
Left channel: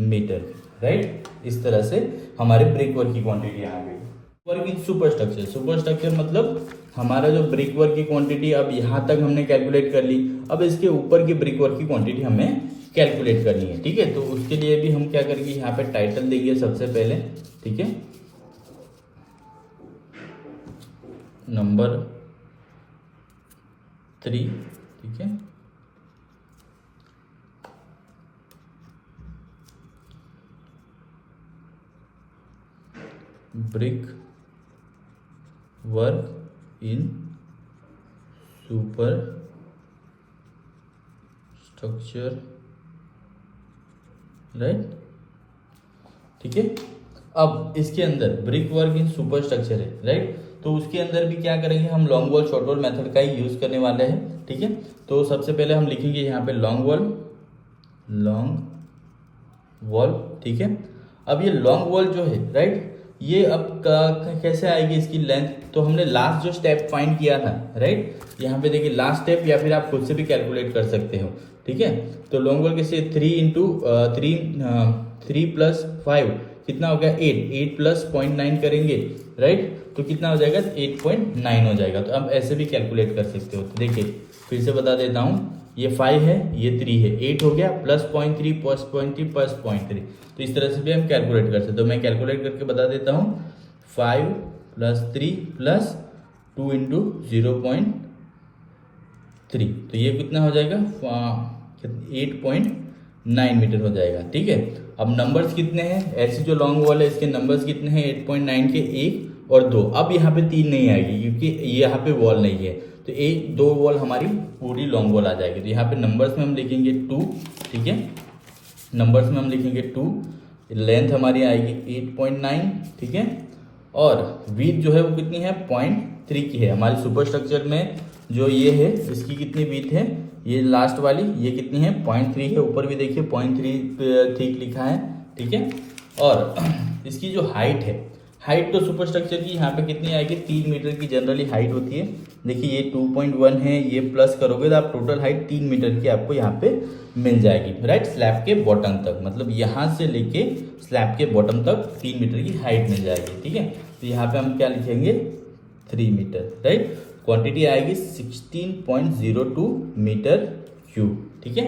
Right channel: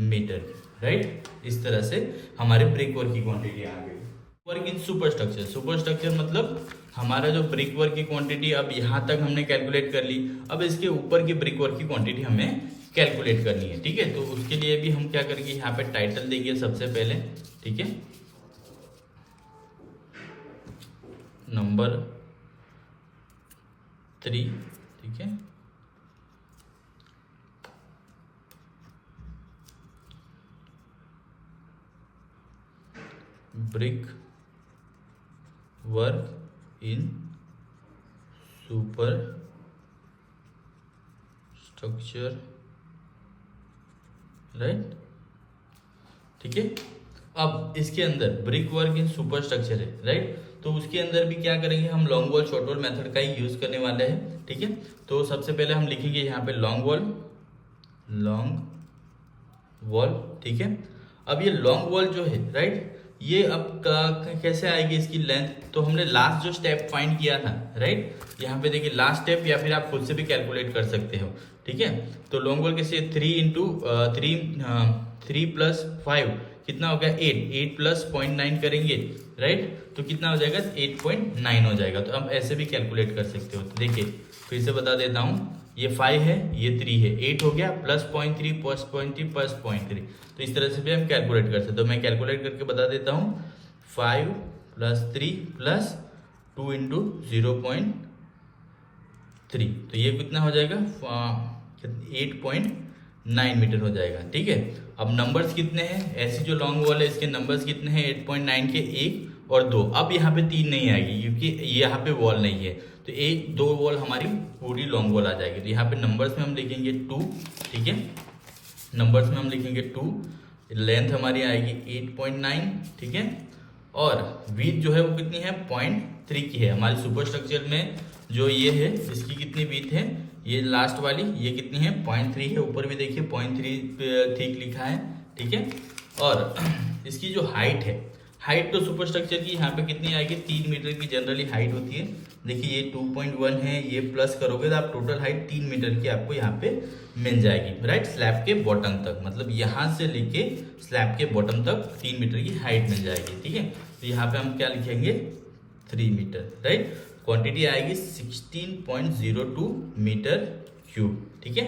मीटर, राइट। इस तरह से हमारे ब्रिक वर्क की क्वांटिटी आ गई। Work in super structure, super structure मतलब हमारा जो ब्रिक वर्क की क्वांटिटी अब यहाँ तक हमने कैलकुलेट कर ली, अब इसके ऊपर की ब्रिक वर्क की क्वांटिटी हमें कैलकुलेट करनी है, ठीक है। तो उसके लिए भी हम क्या करेंगे, यहाँ पे टाइटल देंगे सबसे पहले, ठीक है, नंबर 3, ठीक है, ब्रिक वर्क इन सुपर स्ट्रक्चर, राइट, ठीक है। अब इसके अंदर ब्रिक वर्क इन सुपर स्ट्रक्चर है, राइट, तो उसके अंदर भी क्या करेंगे, हम long wall short wall method का ही यूज करने वाले हैं, ठीक है। तो सबसे पहले हम लिखेंगे यहाँ पे लॉन्ग वॉल, ठीक है। अब ये लॉन्ग वॉल जो है, राइट, ये अब कैसे आएगी इसकी लेंथ, तो हमने लास्ट जो स्टेप फाइंड किया था, राइट, यहाँ पे देखिए लास्ट स्टेप, या फिर आप खुद से भी कैलकुलेट कर सकते हो, ठीक है। तो लॉन्ग वॉल कैसे 3 + 5 कितना हो गया 8 + 0.9 करेंगे, राइट, तो कितना हो जाएगा 8.9 हो जाएगा। तो अब ऐसे भी कैलकुलेट कर सकते हो। तो देखिए फिर से बता देता हूँ, ये 5 है, ये 3 है, 8 हो गया, +0.3 +0.3 +0.3, तो इस तरह से भी हम कैलकुलेट कर सकते हैं। तो मैं कैलकुलेट करके बता देता हूँ, 5 + 3 + 2 × 0.3, तो ये कितना हो जाएगा 8.9 मीटर हो जाएगा, ठीक है। अब नंबर्स कितने हैं, ऐसी जो लॉन्ग वॉल है इसके नंबर्स कितने हैं, 8.9 के 1 और 2। अब यहाँ पे 3 नहीं आएगी क्योंकि यहाँ पे वॉल नहीं है, तो 1-2 वॉल हमारी पूरी लॉन्ग वॉल आ जाएगी। तो यहाँ पे नंबर्स में हम लिखेंगे 2, ठीक है, नंबर्स में हम लिखेंगे 2, लेंथ हमारी आएगी 8.9, ठीक है, और विड्थ जो है वो कितनी है 0.3 की है। हमारे सुपर स्ट्रक्चर में जो ये है इसकी कितनी विड्थ है, ये लास्ट वाली ये कितनी है 0.3 है, ऊपर भी देखिए 0.3 थिक लिखा है, ठीक है। और इसकी जो हाइट है, हाइट तो सुपर स्ट्रक्चर की यहाँ पे कितनी आएगी 3 मीटर की जनरली हाइट होती है। देखिए ये 2.1 है, ये प्लस करोगे तो आप टोटल हाइट 3 मीटर की आपको यहाँ पे मिल जाएगी, राइट, स्लैब के बॉटम तक, मतलब यहाँ से लेके स्लैब के बॉटम तक 3 मीटर की हाइट मिल जाएगी, ठीक है। तो यहाँ पे हम क्या लिखेंगे 3 मीटर, राइट, क्वांटिटी आएगी 16.02 मीटर क्यूब, ठीक है।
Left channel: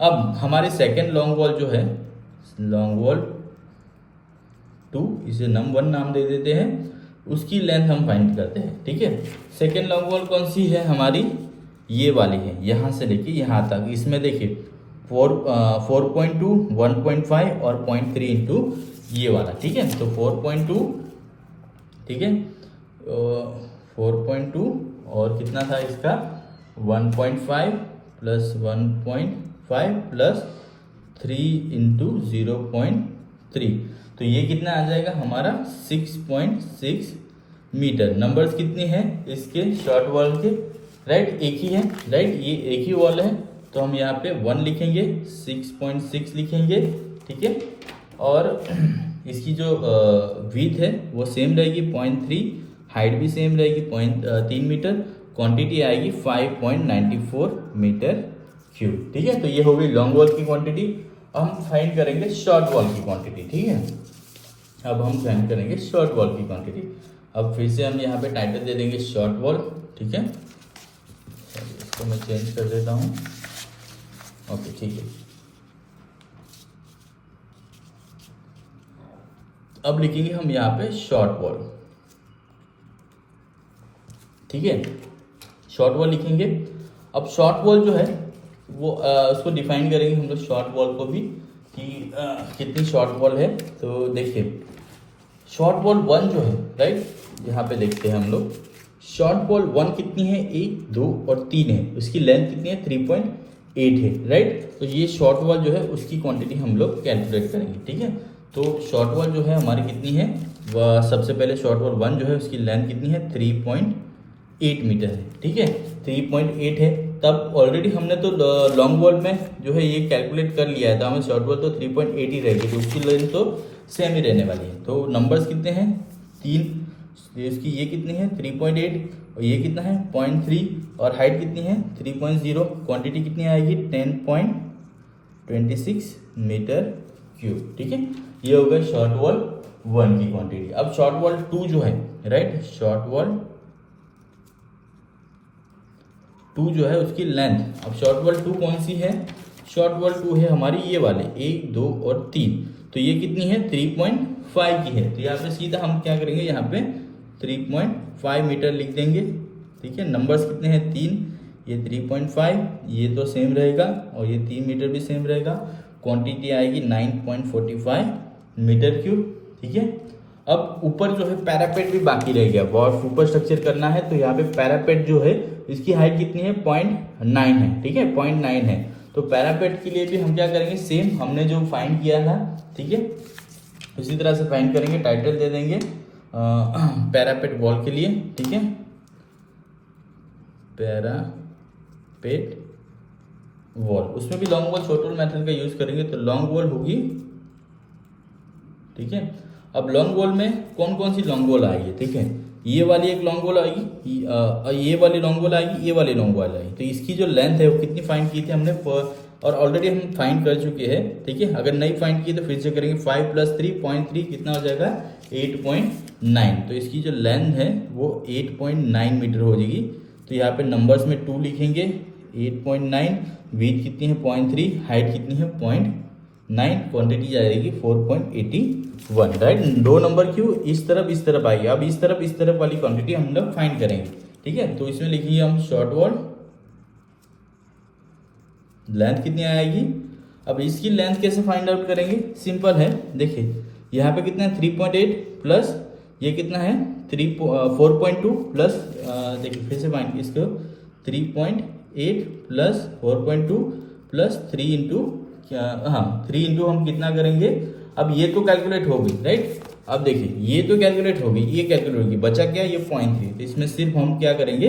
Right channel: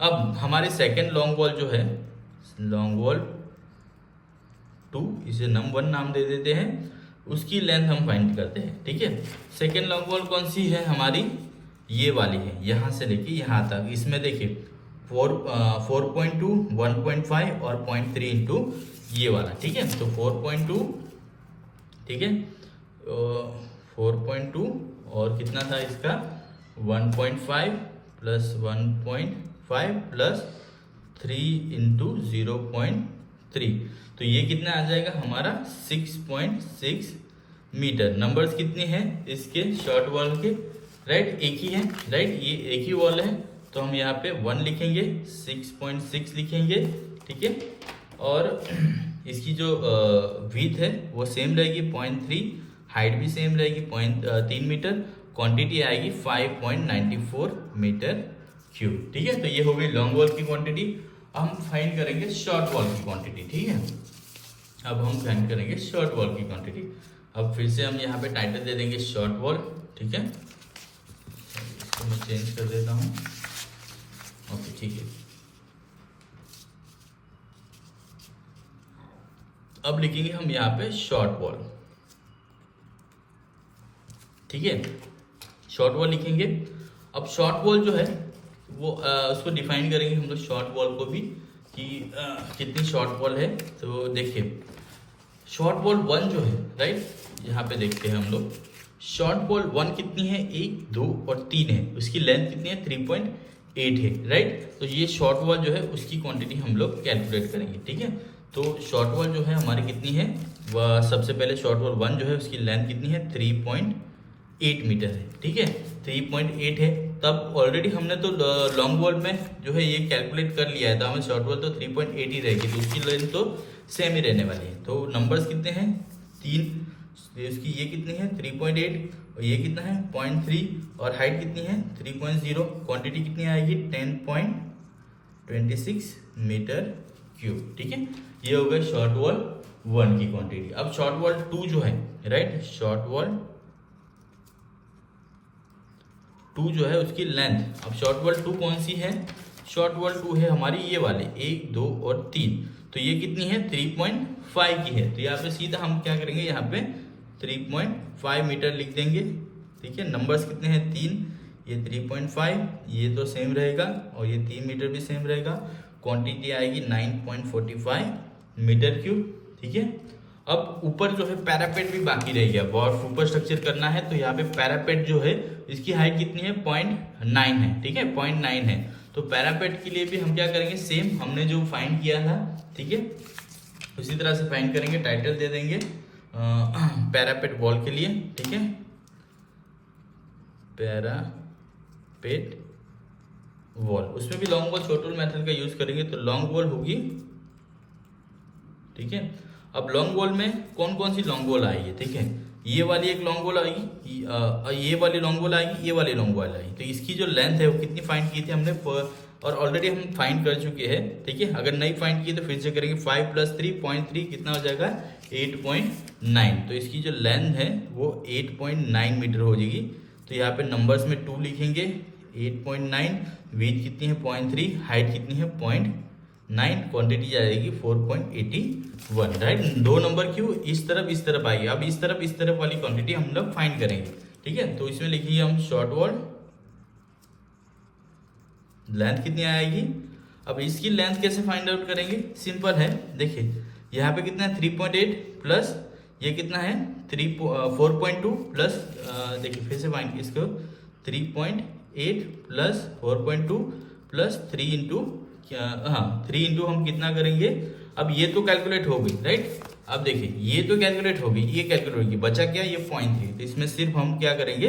अब हमारे सेकेंड लॉन्ग वॉल जो है लॉन्ग वॉल 2, इसे नंबर 1 नाम दे देते हैं, उसकी लेंथ हम फाइंड करते हैं, ठीक है। सेकेंड लॉन्ग वॉल कौन सी है हमारी, ये वाली है, यहाँ से लेके यहाँ तक। इसमें देखिए 4.2, 1.5 और 0.3 इंटू ये वाला, ठीक है। तो 4.2, ठीक है, 4.2 और कितना था इसका 1.5 + 1.5 + 3 × 0.3, तो ये कितना आ जाएगा हमारा 6.6 मीटर। नंबर्स कितने हैं इसके शॉर्ट वॉल के, राइट, एक ही है, राइट, ये एक ही वॉल है, तो हम यहाँ पे 1 लिखेंगे, 6.6 लिखेंगे, ठीक है। और इसकी जो विड्थ है वो सेम रहेगी 0.3, हाइट भी सेम रहेगी 3 मीटर, क्वांटिटी आएगी 5.94 मीटर क्यूब, ठीक है। तो ये हो गई लॉन्ग वॉल की क्वांटिटी। अब हम फाइंड करेंगे शॉर्ट वॉल की क्वांटिटी, ठीक है। अब हम फाइंड करेंगे शॉर्ट वॉल की क्वांटिटी। अब फिर से हम यहाँ पे टाइटल दे देंगे शॉर्ट वॉल, ठीक है, इसको मैं चेंज कर देता हूँ, ओके, ठीक है। अब लिखेंगे हम यहाँ पे शॉर्ट वॉल, ठीक है, शॉर्ट वॉल लिखेंगे। अब शॉर्ट वॉल जो है वो उसको डिफाइन करेंगे हम लोग शॉर्ट वॉल को भी कि कितनी शॉर्ट वॉल है। तो देखिए शॉर्ट वॉल 1 जो है, राइट, यहाँ पे देखते हैं हम लोग शॉर्ट वॉल 1 कितनी है 1, 2 और 3 है, उसकी लेंथ कितनी है 8 है, राइट। तो ये शॉर्ट वॉल जो है उसकी क्वांटिटी हम लोग कैलकुलेट करेंगे, ठीक है। तो शॉर्ट वॉल जो है हमारी कितनी है, वह सबसे पहले शॉर्ट वॉल 1 जो है उसकी लेंथ कितनी है, 3.8 मीटर है, ठीक है, 3.8 है। तब ऑलरेडी हमने तो लॉन्ग वॉल में जो है ये कैलकुलेट कर लिया है, तो हमें शॉर्ट वॉल तो 3.8 ही रहेगी, तो उसकी लेंथ तो सेम ही रहने वाली है। तो नंबर्स कितने हैं, 3, इसकी ये कितनी है 3.8 और ये कितना है 0.3 और हाइट कितनी है 3.0, क्वांटिटी कितनी आएगी 10.26 मीटर क्यूब, ठीक है। ये हो गया शॉर्ट वॉल 1 की क्वांटिटी। अब शॉर्ट वॉल 2 जो है, राइट, शॉर्ट वॉल 2 जो है उसकी लेंथ, अब शॉर्ट वॉल 2 कौन सी है, शॉर्ट वॉल 2 है हमारी ये वाले 1, 2 और 3, तो ये कितनी है 3.5 की है। तो यहाँ पे सीधा हम क्या करेंगे, यहाँ पे 3.5 मीटर लिख देंगे, ठीक है। नंबर्स कितने हैं 3, ये 3.5, ये तो सेम रहेगा और ये 3 मीटर भी सेम रहेगा। क्वांटिटी आएगी 9.45 मीटर क्यूब, ठीक है। अब ऊपर जो है पैरापेट भी बाकी रह गया, वॉल सुपर स्ट्रक्चर करना है, तो यहाँ पे पैरापेट जो है इसकी हाइट कितनी है 0.9 है, ठीक है, 0.9 है। तो पैरापेट के लिए भी हम क्या करेंगे, सेम हमने जो फाइंड किया था, ठीक है, उसी तरह से फाइंड करेंगे। टाइटल दे देंगे पैरापेट वॉल के लिए, ठीक है, पैरापेट वॉल। उसमें भी long wall short wall method का यूज करेंगे, तो लॉन्ग वॉल होगी, ठीक है। अब लॉन्ग वॉल में कौन कौन सी लॉन्ग वॉल आएगी, ठीक है, ये वाली एक लॉन्ग वॉल आएगी, ये वाली लॉन्ग वॉल आएगी, ये वाली लॉन्ग वॉल आएगी। तो इसकी जो लेंथ है वो कितनी फाइंड की थी हमने, और ऑलरेडी हम फाइंड कर चुके हैं, ठीक है। अगर नहीं फाइंड की तो फिर से करेंगे, 5 + 3.3 कितना हो जाएगा 8.9। तो इसकी जो लेंथ है वो 8.9 मीटर हो जाएगी। तो यहाँ पे नंबर्स में 2 लिखेंगे, 8.9, विड्थ कितनी है 0.3, हाइट कितनी है 0.9, क्वांटिटी जाएगी 4.81, राइट। 2 नंबर क्यों, इस तरफ आएगी। अब इस तरफ वाली क्वांटिटी हम लोग फाइंड करेंगे, ठीक है। तो इसमें लिखिए हम शॉर्ट वॉल लेंथ कितनी आएगी। अब इसकी लेंथ कैसे फाइंड आउट करेंगे, सिंपल है, देखिए यहाँ पे कितना है 3.8 प्लस ये कितना है 4.2 प्लस, देखिए फिर से फाइंड इसको 3.8 प्लस 4.2 प्लस 3 इंटू क्या, हाँ 3 इंटू हम कितना करेंगे, अब ये तो कैलकुलेट हो गई, राइट। अब देखिए ये तो कैलकुलेट हो गई, ये कैलकुलेट होगी, बचा क्या ये 0.3, तो इसमें सिर्फ हम क्या करेंगे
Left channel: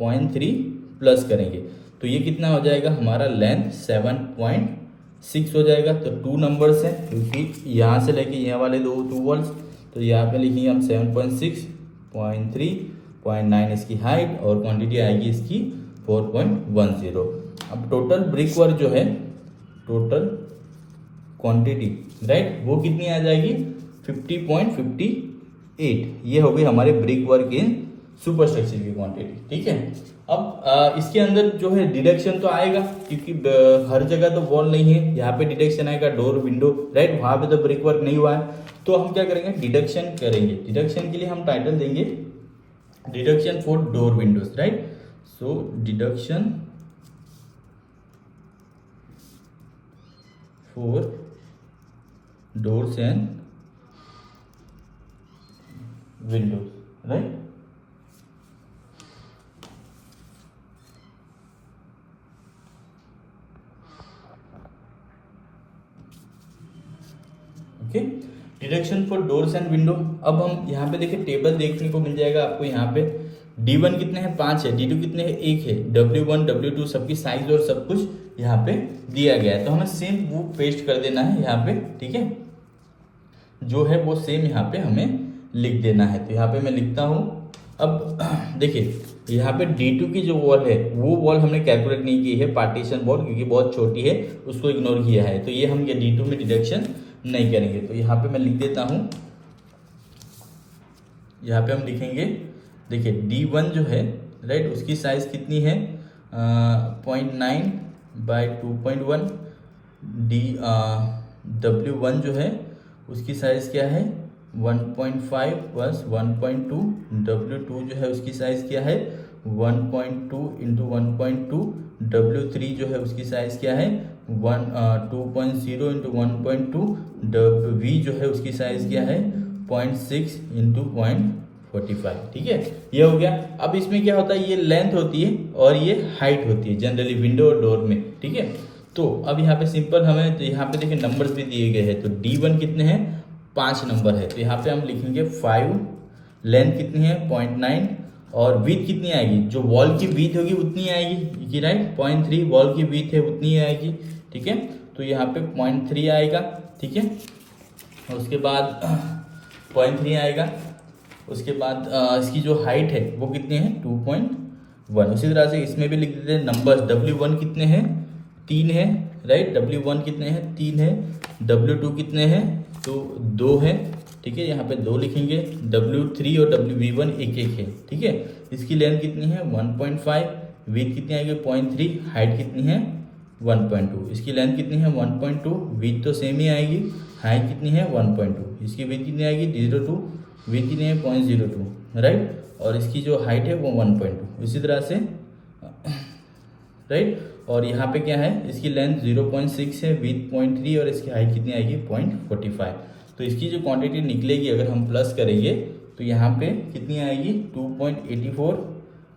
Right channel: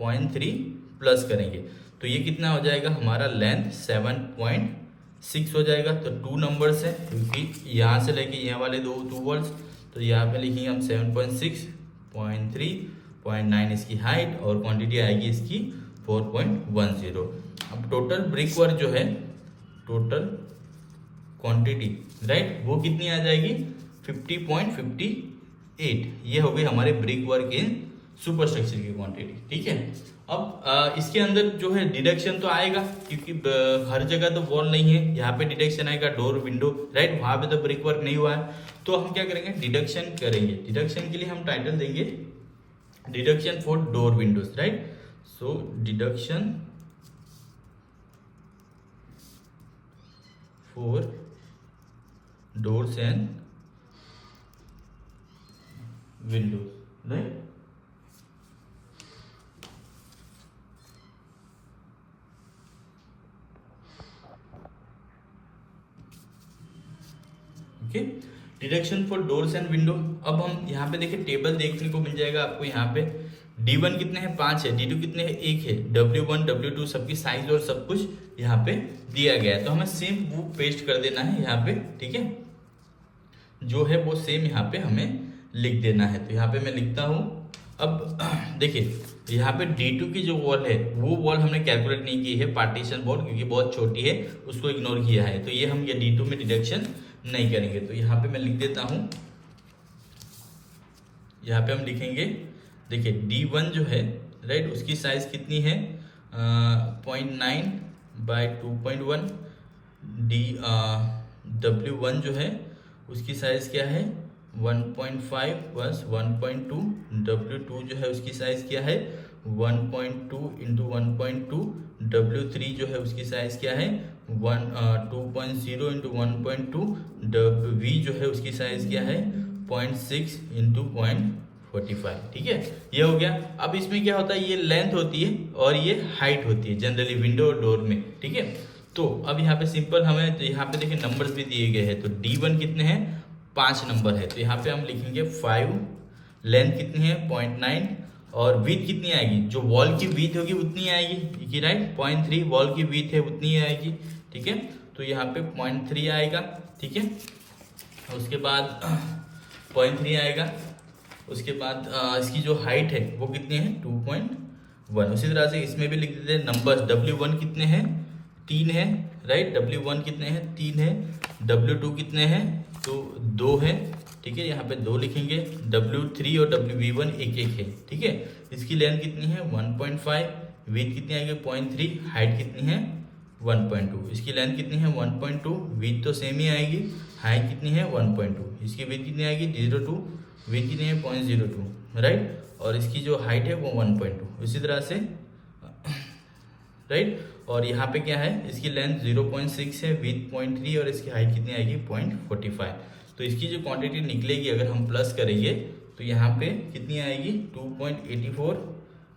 0.3 प्लस करेंगे, तो ये कितना हो जाएगा हमारा लेंथ 7.6 हो जाएगा। तो 2 नंबर्स हैं, क्योंकि यहाँ से लेके यहाँ वाले 2 वॉल्स, तो यहाँ पे लिखेंगे हम 7.6, 0.3, 0.9 इसकी हाइट और क्वांटिटी आएगी इसकी 4.10। अब टोटल ब्रिक वर्क जो है, टोटल क्वांटिटी, राइट, वो कितनी आ जाएगी 50.58। ये हो गई हमारे ब्रिक वर्क इन सुपर स्ट्रक्चर की क्वांटिटी, ठीक है। अब इसके अंदर जो है डिडक्शन तो आएगा, क्योंकि हर जगह तो वॉल नहीं है, यहाँ पे डिडक्शन आएगा डोर विंडो, राइट, वहां पे तो ब्रिक वर्क नहीं हुआ है। तो हम क्या करेंगे डिडक्शन करेंगे, डिडक्शन के लिए हम टाइटल देंगे deduction for door Windows, right. So deduction for doors and Windows, right. Deduction for doors and window. अब हम यहाँ पे देखिए टेबल देखने को मिल जाएगा आपको, यहाँ पे D1 कितने हैं 5 है, D2 कितने हैं 1 है, W1 W2 सबकी साइज और सब कुछ यहाँ पे दिया गया है। तो हमें सेम वो पेस्ट कर देना है यहाँ पे, ठीक है, जो है वो सेम यहाँ पे हमें लिख देना है। तो यहाँ पे मैं लिखता हूँ। अब देखिए यहाँ पे D2 की जो वॉल है वो वॉल हमने कैलकुलेट नहीं की है, पार्टीशन वॉल, क्योंकि बहुत छोटी है, उसको इग्नोर किया है, तो ये हम ये D2 में डिडक्शन नहीं करेंगे। तो यहाँ पे मैं लिख देता हूँ, यहाँ पे हम लिखेंगे, देखिए D1 जो है, राइट, उसकी साइज कितनी है 0.9 बाई 2.1, W1 जो है उसकी साइज क्या है 1.5 बस 1.2, W2 जो है उसकी साइज क्या है 1.2 इंटू 1.2, W3 जो है उसकी साइज क्या है 2.0 इंटू 1.2, V जो है उसकी साइज क्या है 0.6 इंटू 45, ठीक है। ये हो गया। अब इसमें क्या होता है, ये लेंथ होती है और ये हाइट होती है जनरली विंडो और डोर में, ठीक है। तो अब यहाँ पे सिंपल हमें, तो यहाँ पे देखिए नंबर्स भी दिए गए हैं। तो D1 कितने हैं, 5 नंबर है, तो यहाँ पे हम लिखेंगे 5, लेंथ कितनी है 0.9, और विथ कितनी आएगी, जो वॉल की विथ होगी उतनी आएगी कि राइट, 0.3 वॉल की विथ है उतनी आएगी, ठीक है। तो यहाँ पे 0.3 आएगा, ठीक है। उसके बाद 0.3 आएगा। उसके बाद इसकी जो हाइट है वो कितनी है 2.1। उसी तरह से इसमें भी लिख देते हैं नंबर्स। W1 कितने हैं, 3 है, राइट। W1 कितने हैं, 3 है। W2 कितने हैं, तो 2 है, ठीक है। यहाँ पे 2 लिखेंगे। W3 और WV1 एक एक है, ठीक है। इसकी लेंथ कितनी है 1.5, विथ कितनी आएगी 0.3, हाइट कितनी है 1.2। इसकी लेंथ कितनी है 1.2, विथ तो सेम ही आएगी, हाइट कितनी है 1.2। इसकी विथ कितनी आएगी 0.2, विथ कितनी है 0.02, राइट। और इसकी जो हाइट है वो 1.2, इसी तरह से, राइट। और यहाँ पे क्या है, इसकी लेंथ 0.6 है, विथ 0.3, और इसकी हाइट कितनी आएगी 0.45। तो इसकी जो क्वांटिटी निकलेगी अगर हम प्लस करेंगे तो यहाँ पे कितनी आएगी 2.84,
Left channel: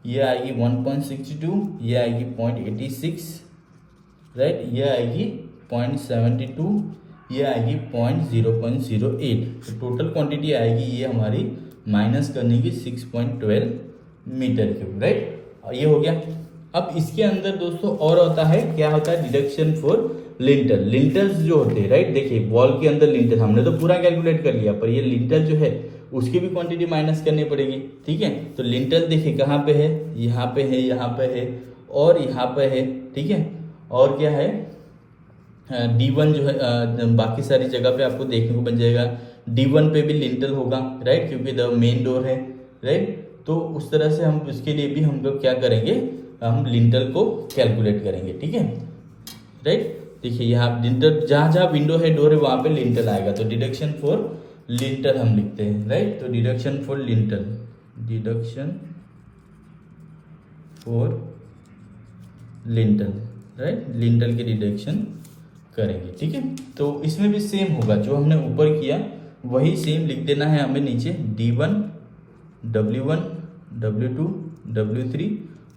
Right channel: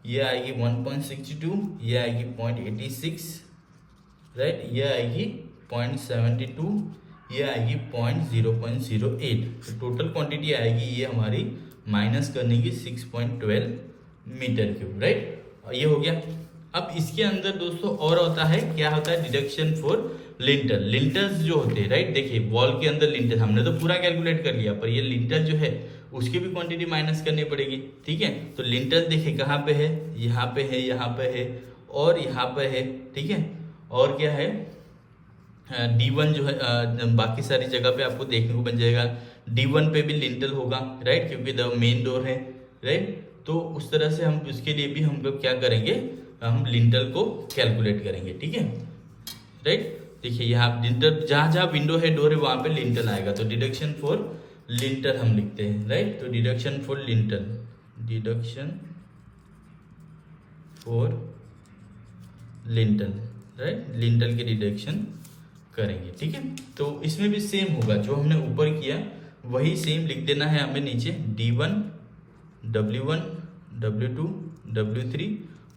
ये आएगी 1.62, ये आएगी 0.86, राइट। ये आएगी 0.72, ये आएगी 0.08। तो टोटल क्वांटिटी आएगी ये हमारी माइनस करने की 6.12 मीटर क्यूब, राइट। ये हो गया। अब इसके अंदर दोस्तों और होता है, क्या होता है, डिडक्शन फॉर लिंटर। लिंटर्स जो होते हैं, राइट, देखिए वॉल के अंदर लिंटर हमने तो पूरा कैलकुलेट कर लिया, पर ये लिंटर जो है उसकी भी क्वांटिटी माइनस करनी पड़ेगी, ठीक है। तो लिंटर देखिए कहाँ पे है, यहाँ पे है, यहाँ पे है और यहाँ पे है, ठीक है। और क्या है, D1 जो है, बाकी सारी जगह पे आपको देखने को बन जाएगा। D1 पे भी लिंटर होगा, राइट, क्योंकि द मेन डोर है, राइट। तो उस तरह से हम उसके लिए भी हम लोग क्या करेंगे, हम लिंटर को कैलकुलेट करेंगे, ठीक है, राइट। देखिए यहाँ लिंटर, जहाँ जहाँ विंडो है डोर है वहाँ पे लिंटर आएगा। तो डिडक्शन फॉर लिंटर हम लिखते हैं, राइट। तो deduction for lintel, deduction for lintel, right, lintel की डिडक्शन करेंगे, ठीक है। तो इसमें भी सेम होगा, जो हमने ऊपर किया वही सेम लिख देना है हमें नीचे। D1, W1, W2, W3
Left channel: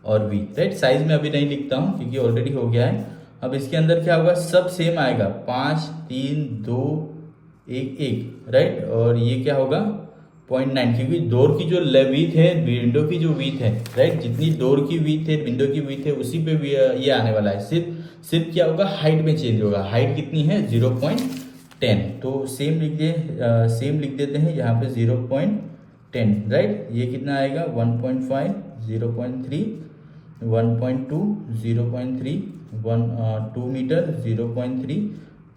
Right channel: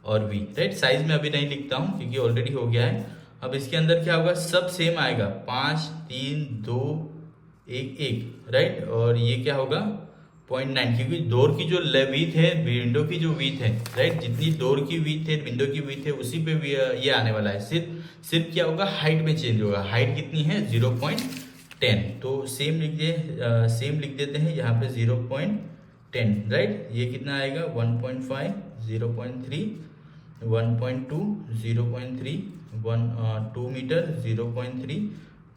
और V, राइट। साइज में अभी नहीं लिखता हूँ क्योंकि ऑलरेडी हो गया है। अब इसके अंदर क्या होगा, सब सेम आएगा, 5, 3, 2, 1, 1, राइट। और ये क्या होगा 0.9, क्योंकि डोर की जो विड्थ है, विंडो की जो विड्थ है, राइट, जितनी डोर की विड्थ है विंडो की विड्थ है उसी पे ये आने वाला है। सिर्फ क्या होगा, हाइट में चेंज होगा। हाइट कितनी है 0.10, तो सेम लिख देते हैं यहाँ पे 0.10, राइट। ये कितना आएगा 1.5, 0.3, 1.2, 0.3, 2 मीटर, 0.3,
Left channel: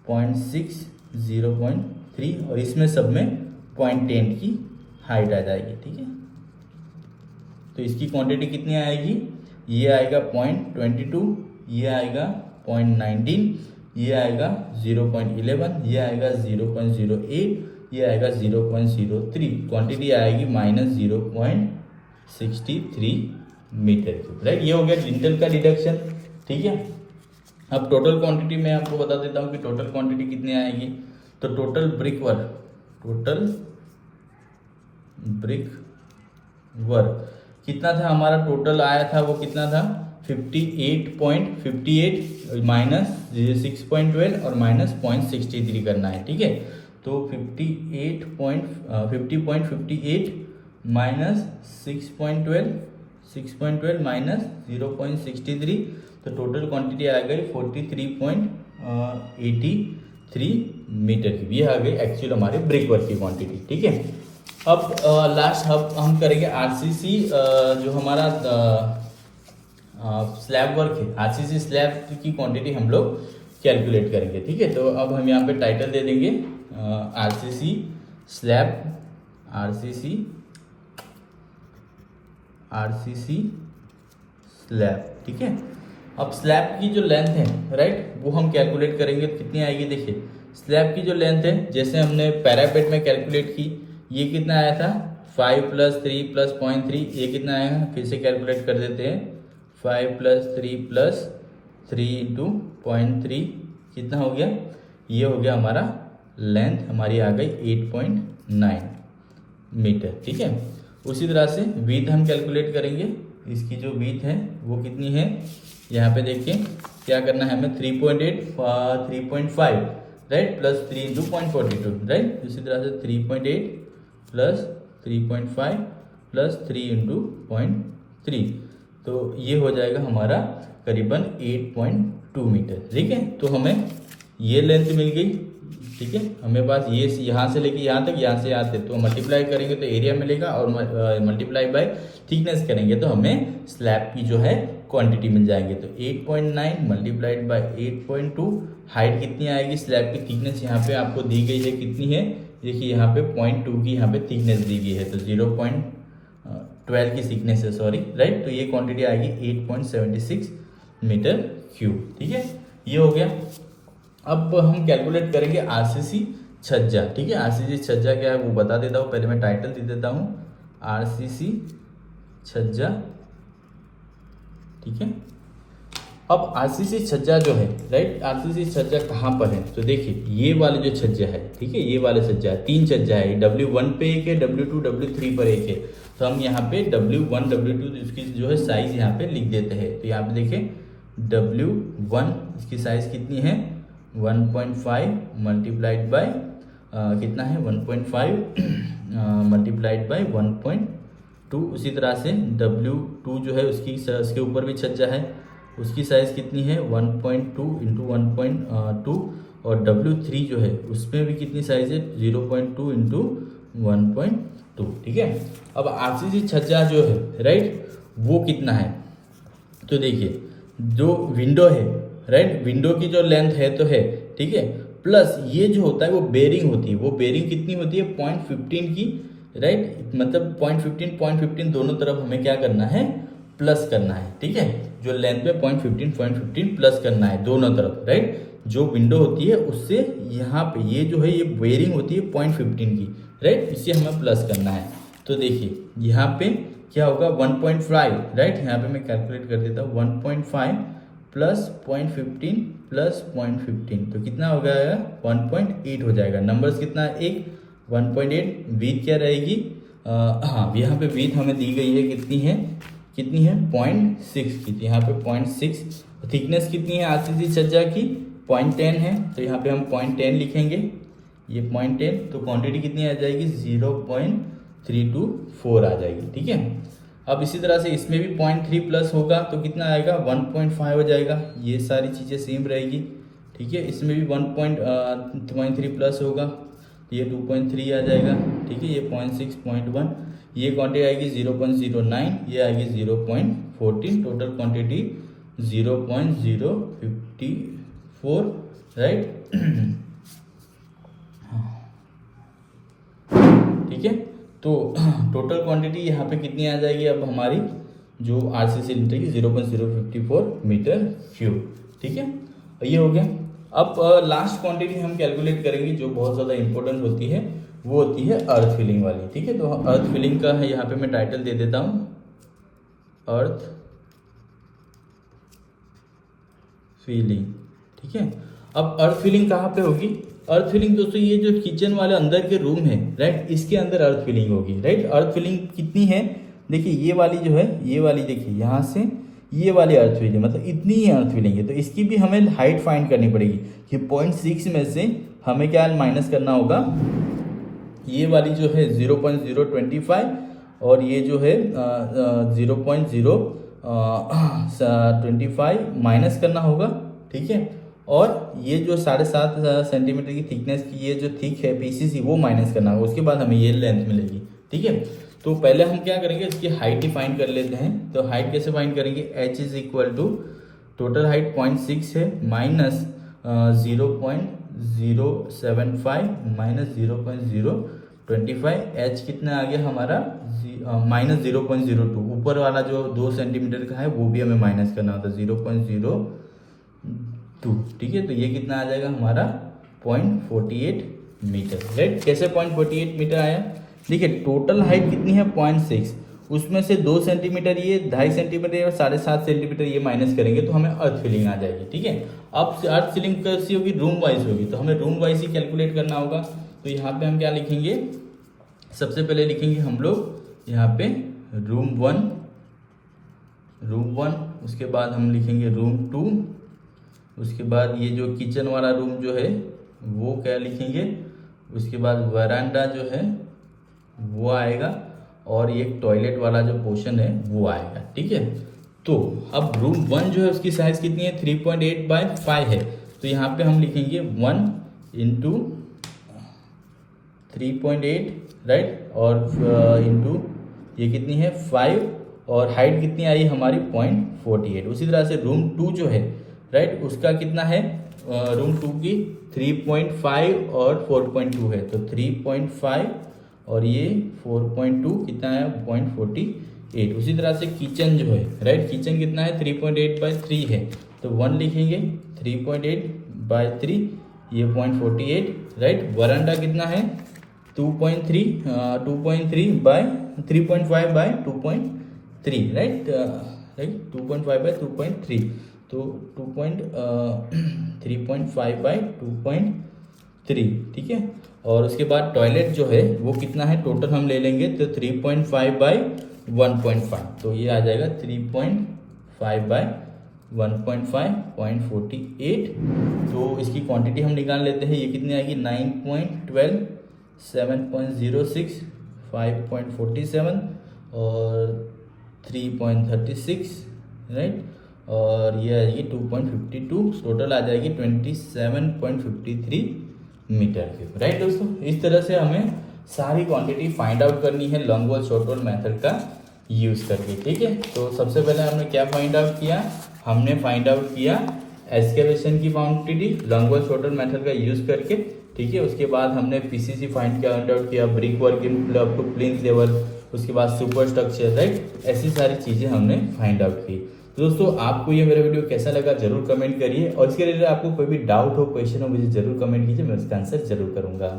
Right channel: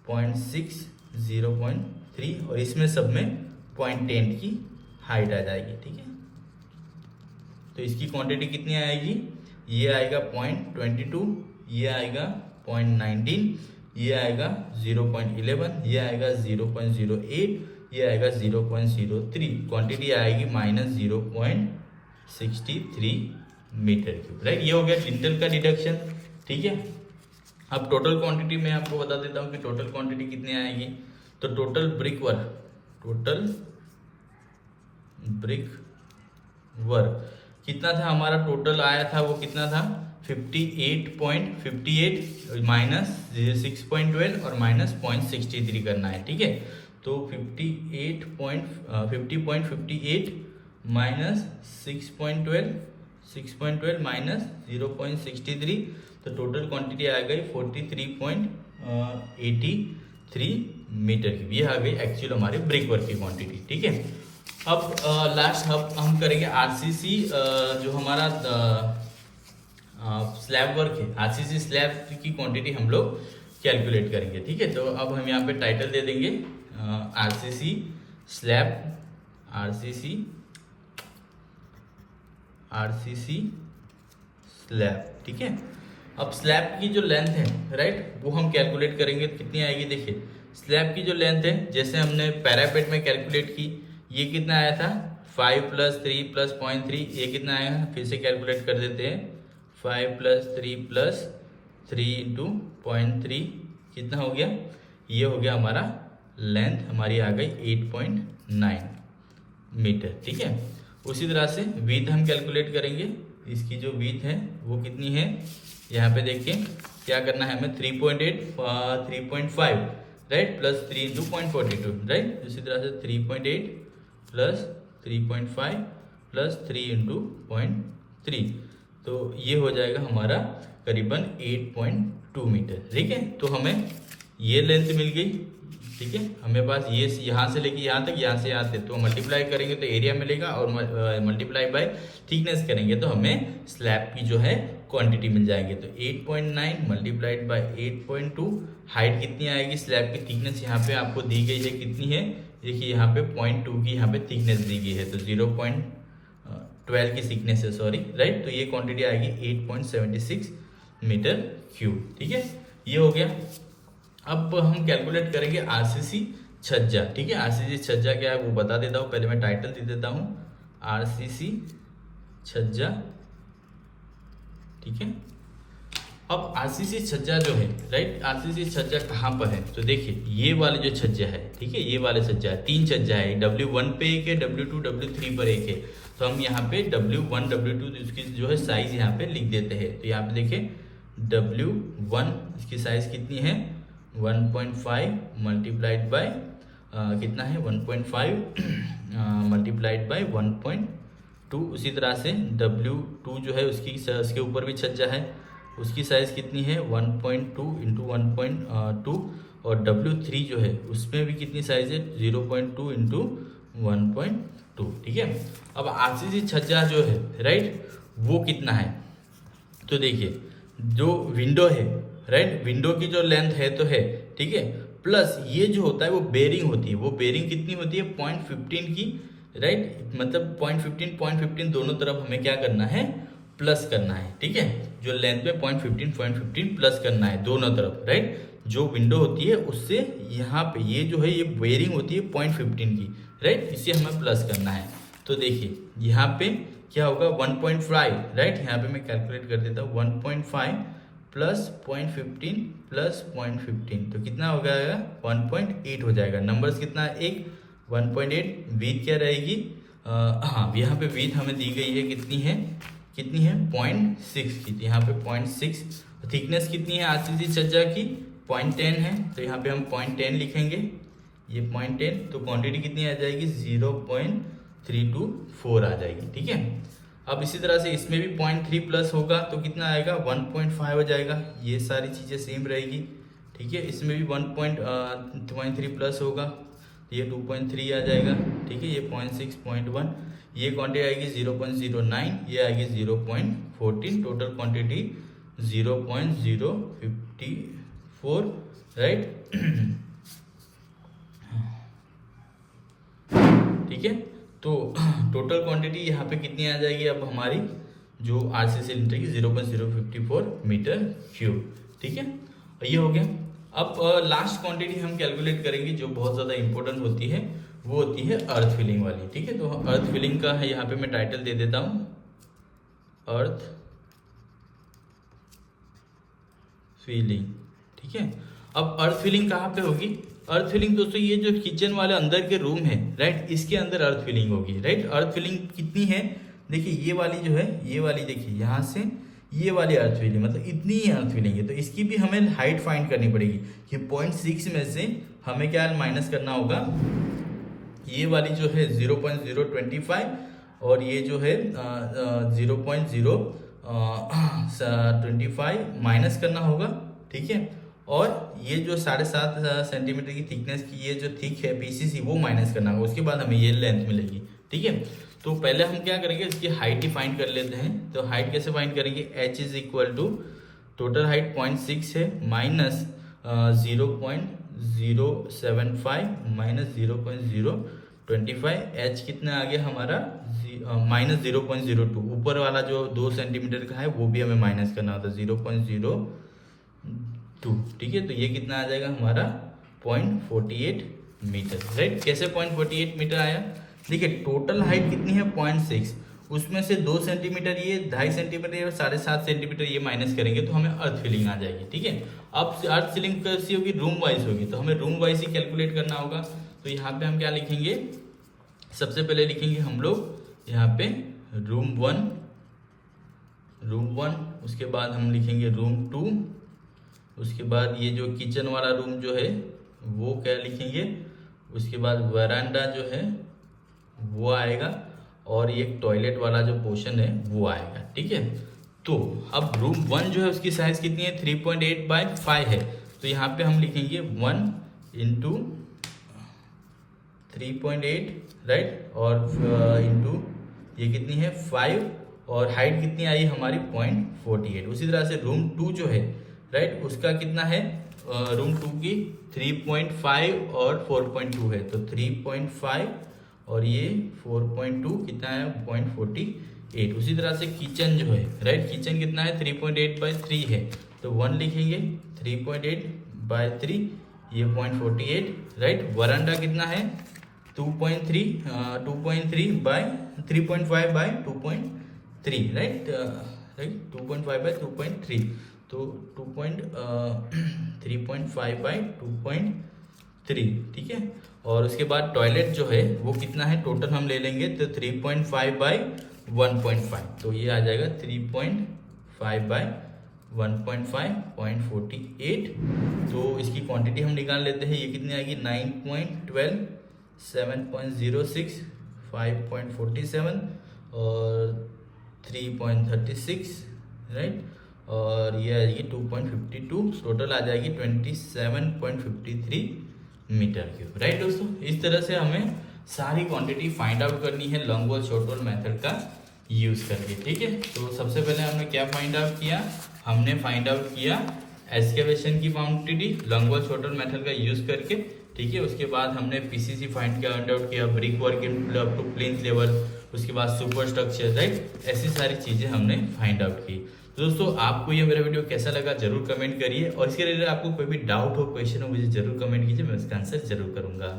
0.6, 0.3, और इसमें सब में 0.10 की हाइट आ जाएगी, ठीक है। तो इसकी क्वांटिटी कितनी आएगी, ये आएगा 0.22, ये आएगा 0.19, ये आएगा 0.11, ये आएगा 0.08, ये आएगा 0.03। क्वांटिटी आएगी -0.63 मीटर क्यूब, राइट। ये हो गया लिंटर का डिडक्शन, ठीक है। अब टोटल क्वांटिटी मैं आपको बता देता हूँ कि टोटल क्वांटिटी कितनी आएगी। तो टोटल ब्रिक वर्क कितना था हमारा, टोटल आया था वो कितना था 58.58 माइनस 6.12 और माइनस 0.63 करना है, ठीक है। तो 50.58 माइनस 6.12 माइनस 0.63, तो टोटल क्वांटिटी आ गई 43.83 मीटर क्यूब। ये आ गई एक्चुअल हमारे ब्रिक वर्क की क्वांटिटी, ठीक है। अब लास्ट हम करेंगे RCC, जो हमारा स्लैब वर्क है, RCC स्लैब की क्वांटिटी हम लोग कैलकुलेट करेंगे, ठीक है। तो अब हम यहाँ पे टाइटल दे देंगे RCC स्लैब, RCC स्लैब, ठीक है। अब स्लैब की जो लेंथ है, राइट, वो हम कैलकुलेट करेंगे, कितनी आएगी। देखिए स्लैब की जो लेंथ है, जैसे हमने पैरापेट में कैलकुलेट की, ये कितना आया था 5 + 3 + 0.3, ये कितना आएगा, फिर से कैलकुलेट कर देते हैं। 5 + 3 + 3 × 0.3 कितना हो गया, ये हो गया हमारा लेंथ, हमारी आ गई 8.9 मीटर, ठीक है। उसी तरह से विड्थ हम कैलकुलेट करेंगे, इसकी जो विड्थ है वो कितनी है, यहाँ पे देखिए क्या करना है हमें 3.8 3.5 राइट प्लस 3 इंटू 0.42 राइट। इसी तरह से 3.8 प्लस 3.5 प्लस 3 इंटू 0.3, तो ये हो जाएगा हमारा करीबन 8.2 मीटर। ठीक है, तो हमें ये लेंथ मिल गई। ठीक है, हमें पास ये यहाँ से लेके यहाँ तक, यहाँ से यहाँ तक, तो मल्टीप्लाई करेंगे तो एरिया मिलेगा और मल्टीप्लाई बाय थिकनेस करेंगे तो हमें स्लैब की जो है क्वांटिटी मिल जाएगी। तो 8.9 मल्टीप्लाइड बाय 8.2, हाइट कितनी आएगी, स्लैब की थिकनेस यहाँ पे आपको दी गई है कितनी है, देखिए यहाँ पे 0.2 की यहाँ पे थिकनेस दी गई है, तो 0.12 की थिकनेस है सॉरी राइट। तो ये क्वांटिटी आएगी 8.76 मीटर क्यूब। ठीक है, ये हो गया। अब हम कैलकुलेट करेंगे आरसीसी छज्जा। ठीक है, आरसीसी छज्जा क्या है वो बता देता हूँ, पहले मैं टाइटल दे देता हूँ आरसीसी छज्जा। ठीक है, अब आरसीसी छज्जा जो है राइट, आरसीसी छज्जा कहाँ पर है, तो देखिए ये वाले जो छज्जा है, ठीक है ये वाले छज्जा है, 3 छज्जा है, W1 पे एक है, W2 W3 पर एक है। तो हम यहाँ पे W1 W2 इसकी जो है साइज यहाँ पे लिख देते हैं। तो यहाँ पे देखिए W1 इसकी साइज कितनी है 1.5 मल्टीप्लाइड बाय कितना है 1.5 मल्टीप्लाइड बाय 1.2। उसी तरह से W2 जो है उसके ऊपर भी छज्जा है, उसकी साइज़ कितनी है 1.2 इंटू 1.2, और W3 जो है उसमें भी कितनी साइज़ है 0.2 इंटू 1.2। ठीक है, अब आरसीसी छज्जा जो है राइट वो कितना है, तो देखिए जो विंडो है राइट, विंडो की जो लेंथ है तो है, ठीक है, प्लस ये जो होता है वो बेरिंग होती है, वो बेरिंग कितनी होती है 0.15 की राइट, मतलब 0.15 दोनों तरफ हमें क्या करना है प्लस करना है। ठीक है, जो लेंथ में 0.15 प्लस करना है दोनों तरफ राइट। जो विंडो होती है उससे यहाँ पे ये जो है ये बेरिंग होती है 0.15 की राइट, इसे हमें प्लस करना है। तो देखिए यहाँ पे क्या होगा 1.5 राइट, यहाँ पे मैं कैलकुलेट कर देता हूँ 1.5 प्लस 0.15 प्लस 0.15, तो कितना हो जाएगा 1.8 हो जाएगा। नंबर्स कितना है एक 1.8, विड्थ क्या रहेगी हाँ यहाँ पे विड्थ हमें दी गई है कितनी है 0.6 की, यहाँ पे 0.6। थिकनेस कितनी है आरसीसी छज्जा की 0.10 है, तो यहाँ पे हम 0.10 लिखेंगे, ये 0.10, तो क्वांटिटी कितनी आ जाएगी 0.324 आ जाएगी। ठीक है, अब इसी तरह से इसमें भी 0.3 प्लस होगा तो कितना आएगा 1.5 हो जाएगा, ये सारी चीज़ें सेम रहेगी। ठीक है, इसमें भी 1.3 प्लस होगा, ये 2.3 आ जाएगा। ठीक है, ये 0.6 0.1, ये क्वांटिटी आएगी 0.09, ये आएगी 0.14, टोटल क्वांटिटी 0.054 राइट। ठीक है, तो टोटल क्वांटिटी यहाँ पे कितनी आ जाएगी अब हमारी जो आरसीसी सिलेंडर की 0.054 मीटर क्यूब। ठीक है, ये हो गया। अब लास्ट क्वांटिटी हम कैलकुलेट करेंगे जो बहुत ज़्यादा इंपॉर्टेंट होती है, वो होती है अर्थ फिलिंग वाली। ठीक है, तो अर्थ फिलिंग का है यहाँ पे मैं टाइटल दे देता हूँ अर्थ फिलिंग। ठीक है, अब अर्थ फिलिंग कहाँ पे होगी, अर्थ फिलिंग दोस्तों ये जो किचन वाले अंदर के रूम है राइट, इसके अंदर अर्थ फिलिंग होगी राइट। अर्थ फिलिंग कितनी है देखिए, ये वाली जो है ये वाली देखिए यहाँ से ये वाली अर्थ फिलिंग मतलब इतनी ही अर्थ फिलिंग है, तो इसकी भी हमें हाइट फाइंड करनी पड़ेगी कि 0.6 में से हमें क्या माइनस करना होगा, ये वाली जो है 0.025 और ये जो है 0.025 माइनस करना होगा। ठीक है, और ये जो 7.5 सेंटीमीटर की थिकनेस की ये जो थिक है पीसीसी वो माइनस करना होगा, उसके बाद हमें ये लेंथ मिलेगी। ठीक है, तो पहले हम क्या करेंगे इसकी हाइट ही फाइंड कर लेते हैं। तो हाइट कैसे फाइंड करेंगे, h is equal to total height 0.6 है माइनस 0.075 माइनस 0.025, h कितना आ गया हमारा माइनस 0.02, ऊपर वाला जो 2 सेंटीमीटर का है वो भी हमें माइनस करना होता है 0.02। ठीक है, तो ये कितना आ जाएगा हमारा 0.48 मीटर राइट। कैसे 0.48 मीटर आया, देखिए टोटल हाइट कितनी है 0.6, उसमें से 2 सेंटीमीटर ये 2.5 सेंटीमीटर और 7.5 सेंटीमीटर ये माइनस करेंगे तो हमें अर्थ फिलिंग आ जाएगी। ठीक है, अब अर्थ फिलिंग कैसी होगी, रूम वाइज होगी, तो हमें रूम वाइज ही कैलकुलेट करना होगा। तो यहाँ पे हम क्या लिखेंगे, सबसे पहले लिखेंगे हम लोग यहाँ पे रूम 1, उसके बाद हम लिखेंगे रूम 2, उसके बाद ये जो किचन वाला रूम जो है वो क्या लिखेंगे, उसके बाद वरांडा जो है वो आएगा, और एक टॉयलेट वाला जो पोर्शन है वो आएगा। ठीक है, तो अब रूम 1 जो है उसकी साइज कितनी है, 3.8 बाय 5 है। तो यहाँ पे हम लिखेंगे 1 इंटू 3.8, राइट, और इंटू ये कितनी है 5, और हाइट कितनी आई हमारी 0.48। उसी तरह से रूम 2 जो है, राइट, उसका कितना है, रूम 2 की 3.5 और 4.2 है, तो 3.5 और ये 4.2 कितना है 0.48। उसी तरह से किचन जो है, राइट, किचन कितना है 3.8 बाय 3 है, तो 1 लिखेंगे, 3.8 बाय 3 ये 0.48, राइट। वरांडा कितना है 2.3 बाय 3.5 बाय 2.3, राइट, 2.5 बाय 2.3, तो 3.5 बाय 2.3, ठीक है। और उसके बाद टॉयलेट जो है वो कितना है, टोटल हम ले लेंगे तो 3.5 बाय 1.5, तो ये आ जाएगा 3.5 बाय 1.5 0.48। तो इसकी क्वांटिटी हम निकाल लेते हैं, ये कितनी आएगी 9.12, 7.06, 5.47 और 3.36, राइट, और ये आएगी 2.52, टोटल आ जाएगी 27.53 मीटर क्यूब, राइट दोस्तों। इस तरह से हमें सारी क्वांटिटी फाइंड आउट करनी है long wall short wall method का यूज करके। ठीक है, तो सबसे पहले हमने क्या फाइंड आउट किया, हमने फाइंड आउट किया एक्सकेवेशन की quantity long wall short wall method का यूज करके। ठीक है, उसके बाद हमने पीसीसी फाइंड आउट किया, brick work in up to plinth level, उसके बाद सुपर स्ट्रक्चर, राइट, ऐसी सारी चीजें हमने फाइंड आउट की। दोस्तों आपको ये मेरा वीडियो कैसा लगा जरूर कमेंट करिए, और इसके रिलेटेड आपको कोई भी डाउट हो, क्वेश्चन हो, मुझे जरूर कमेंट कीजिए, मैं उसका आंसर जरूर करूंगा।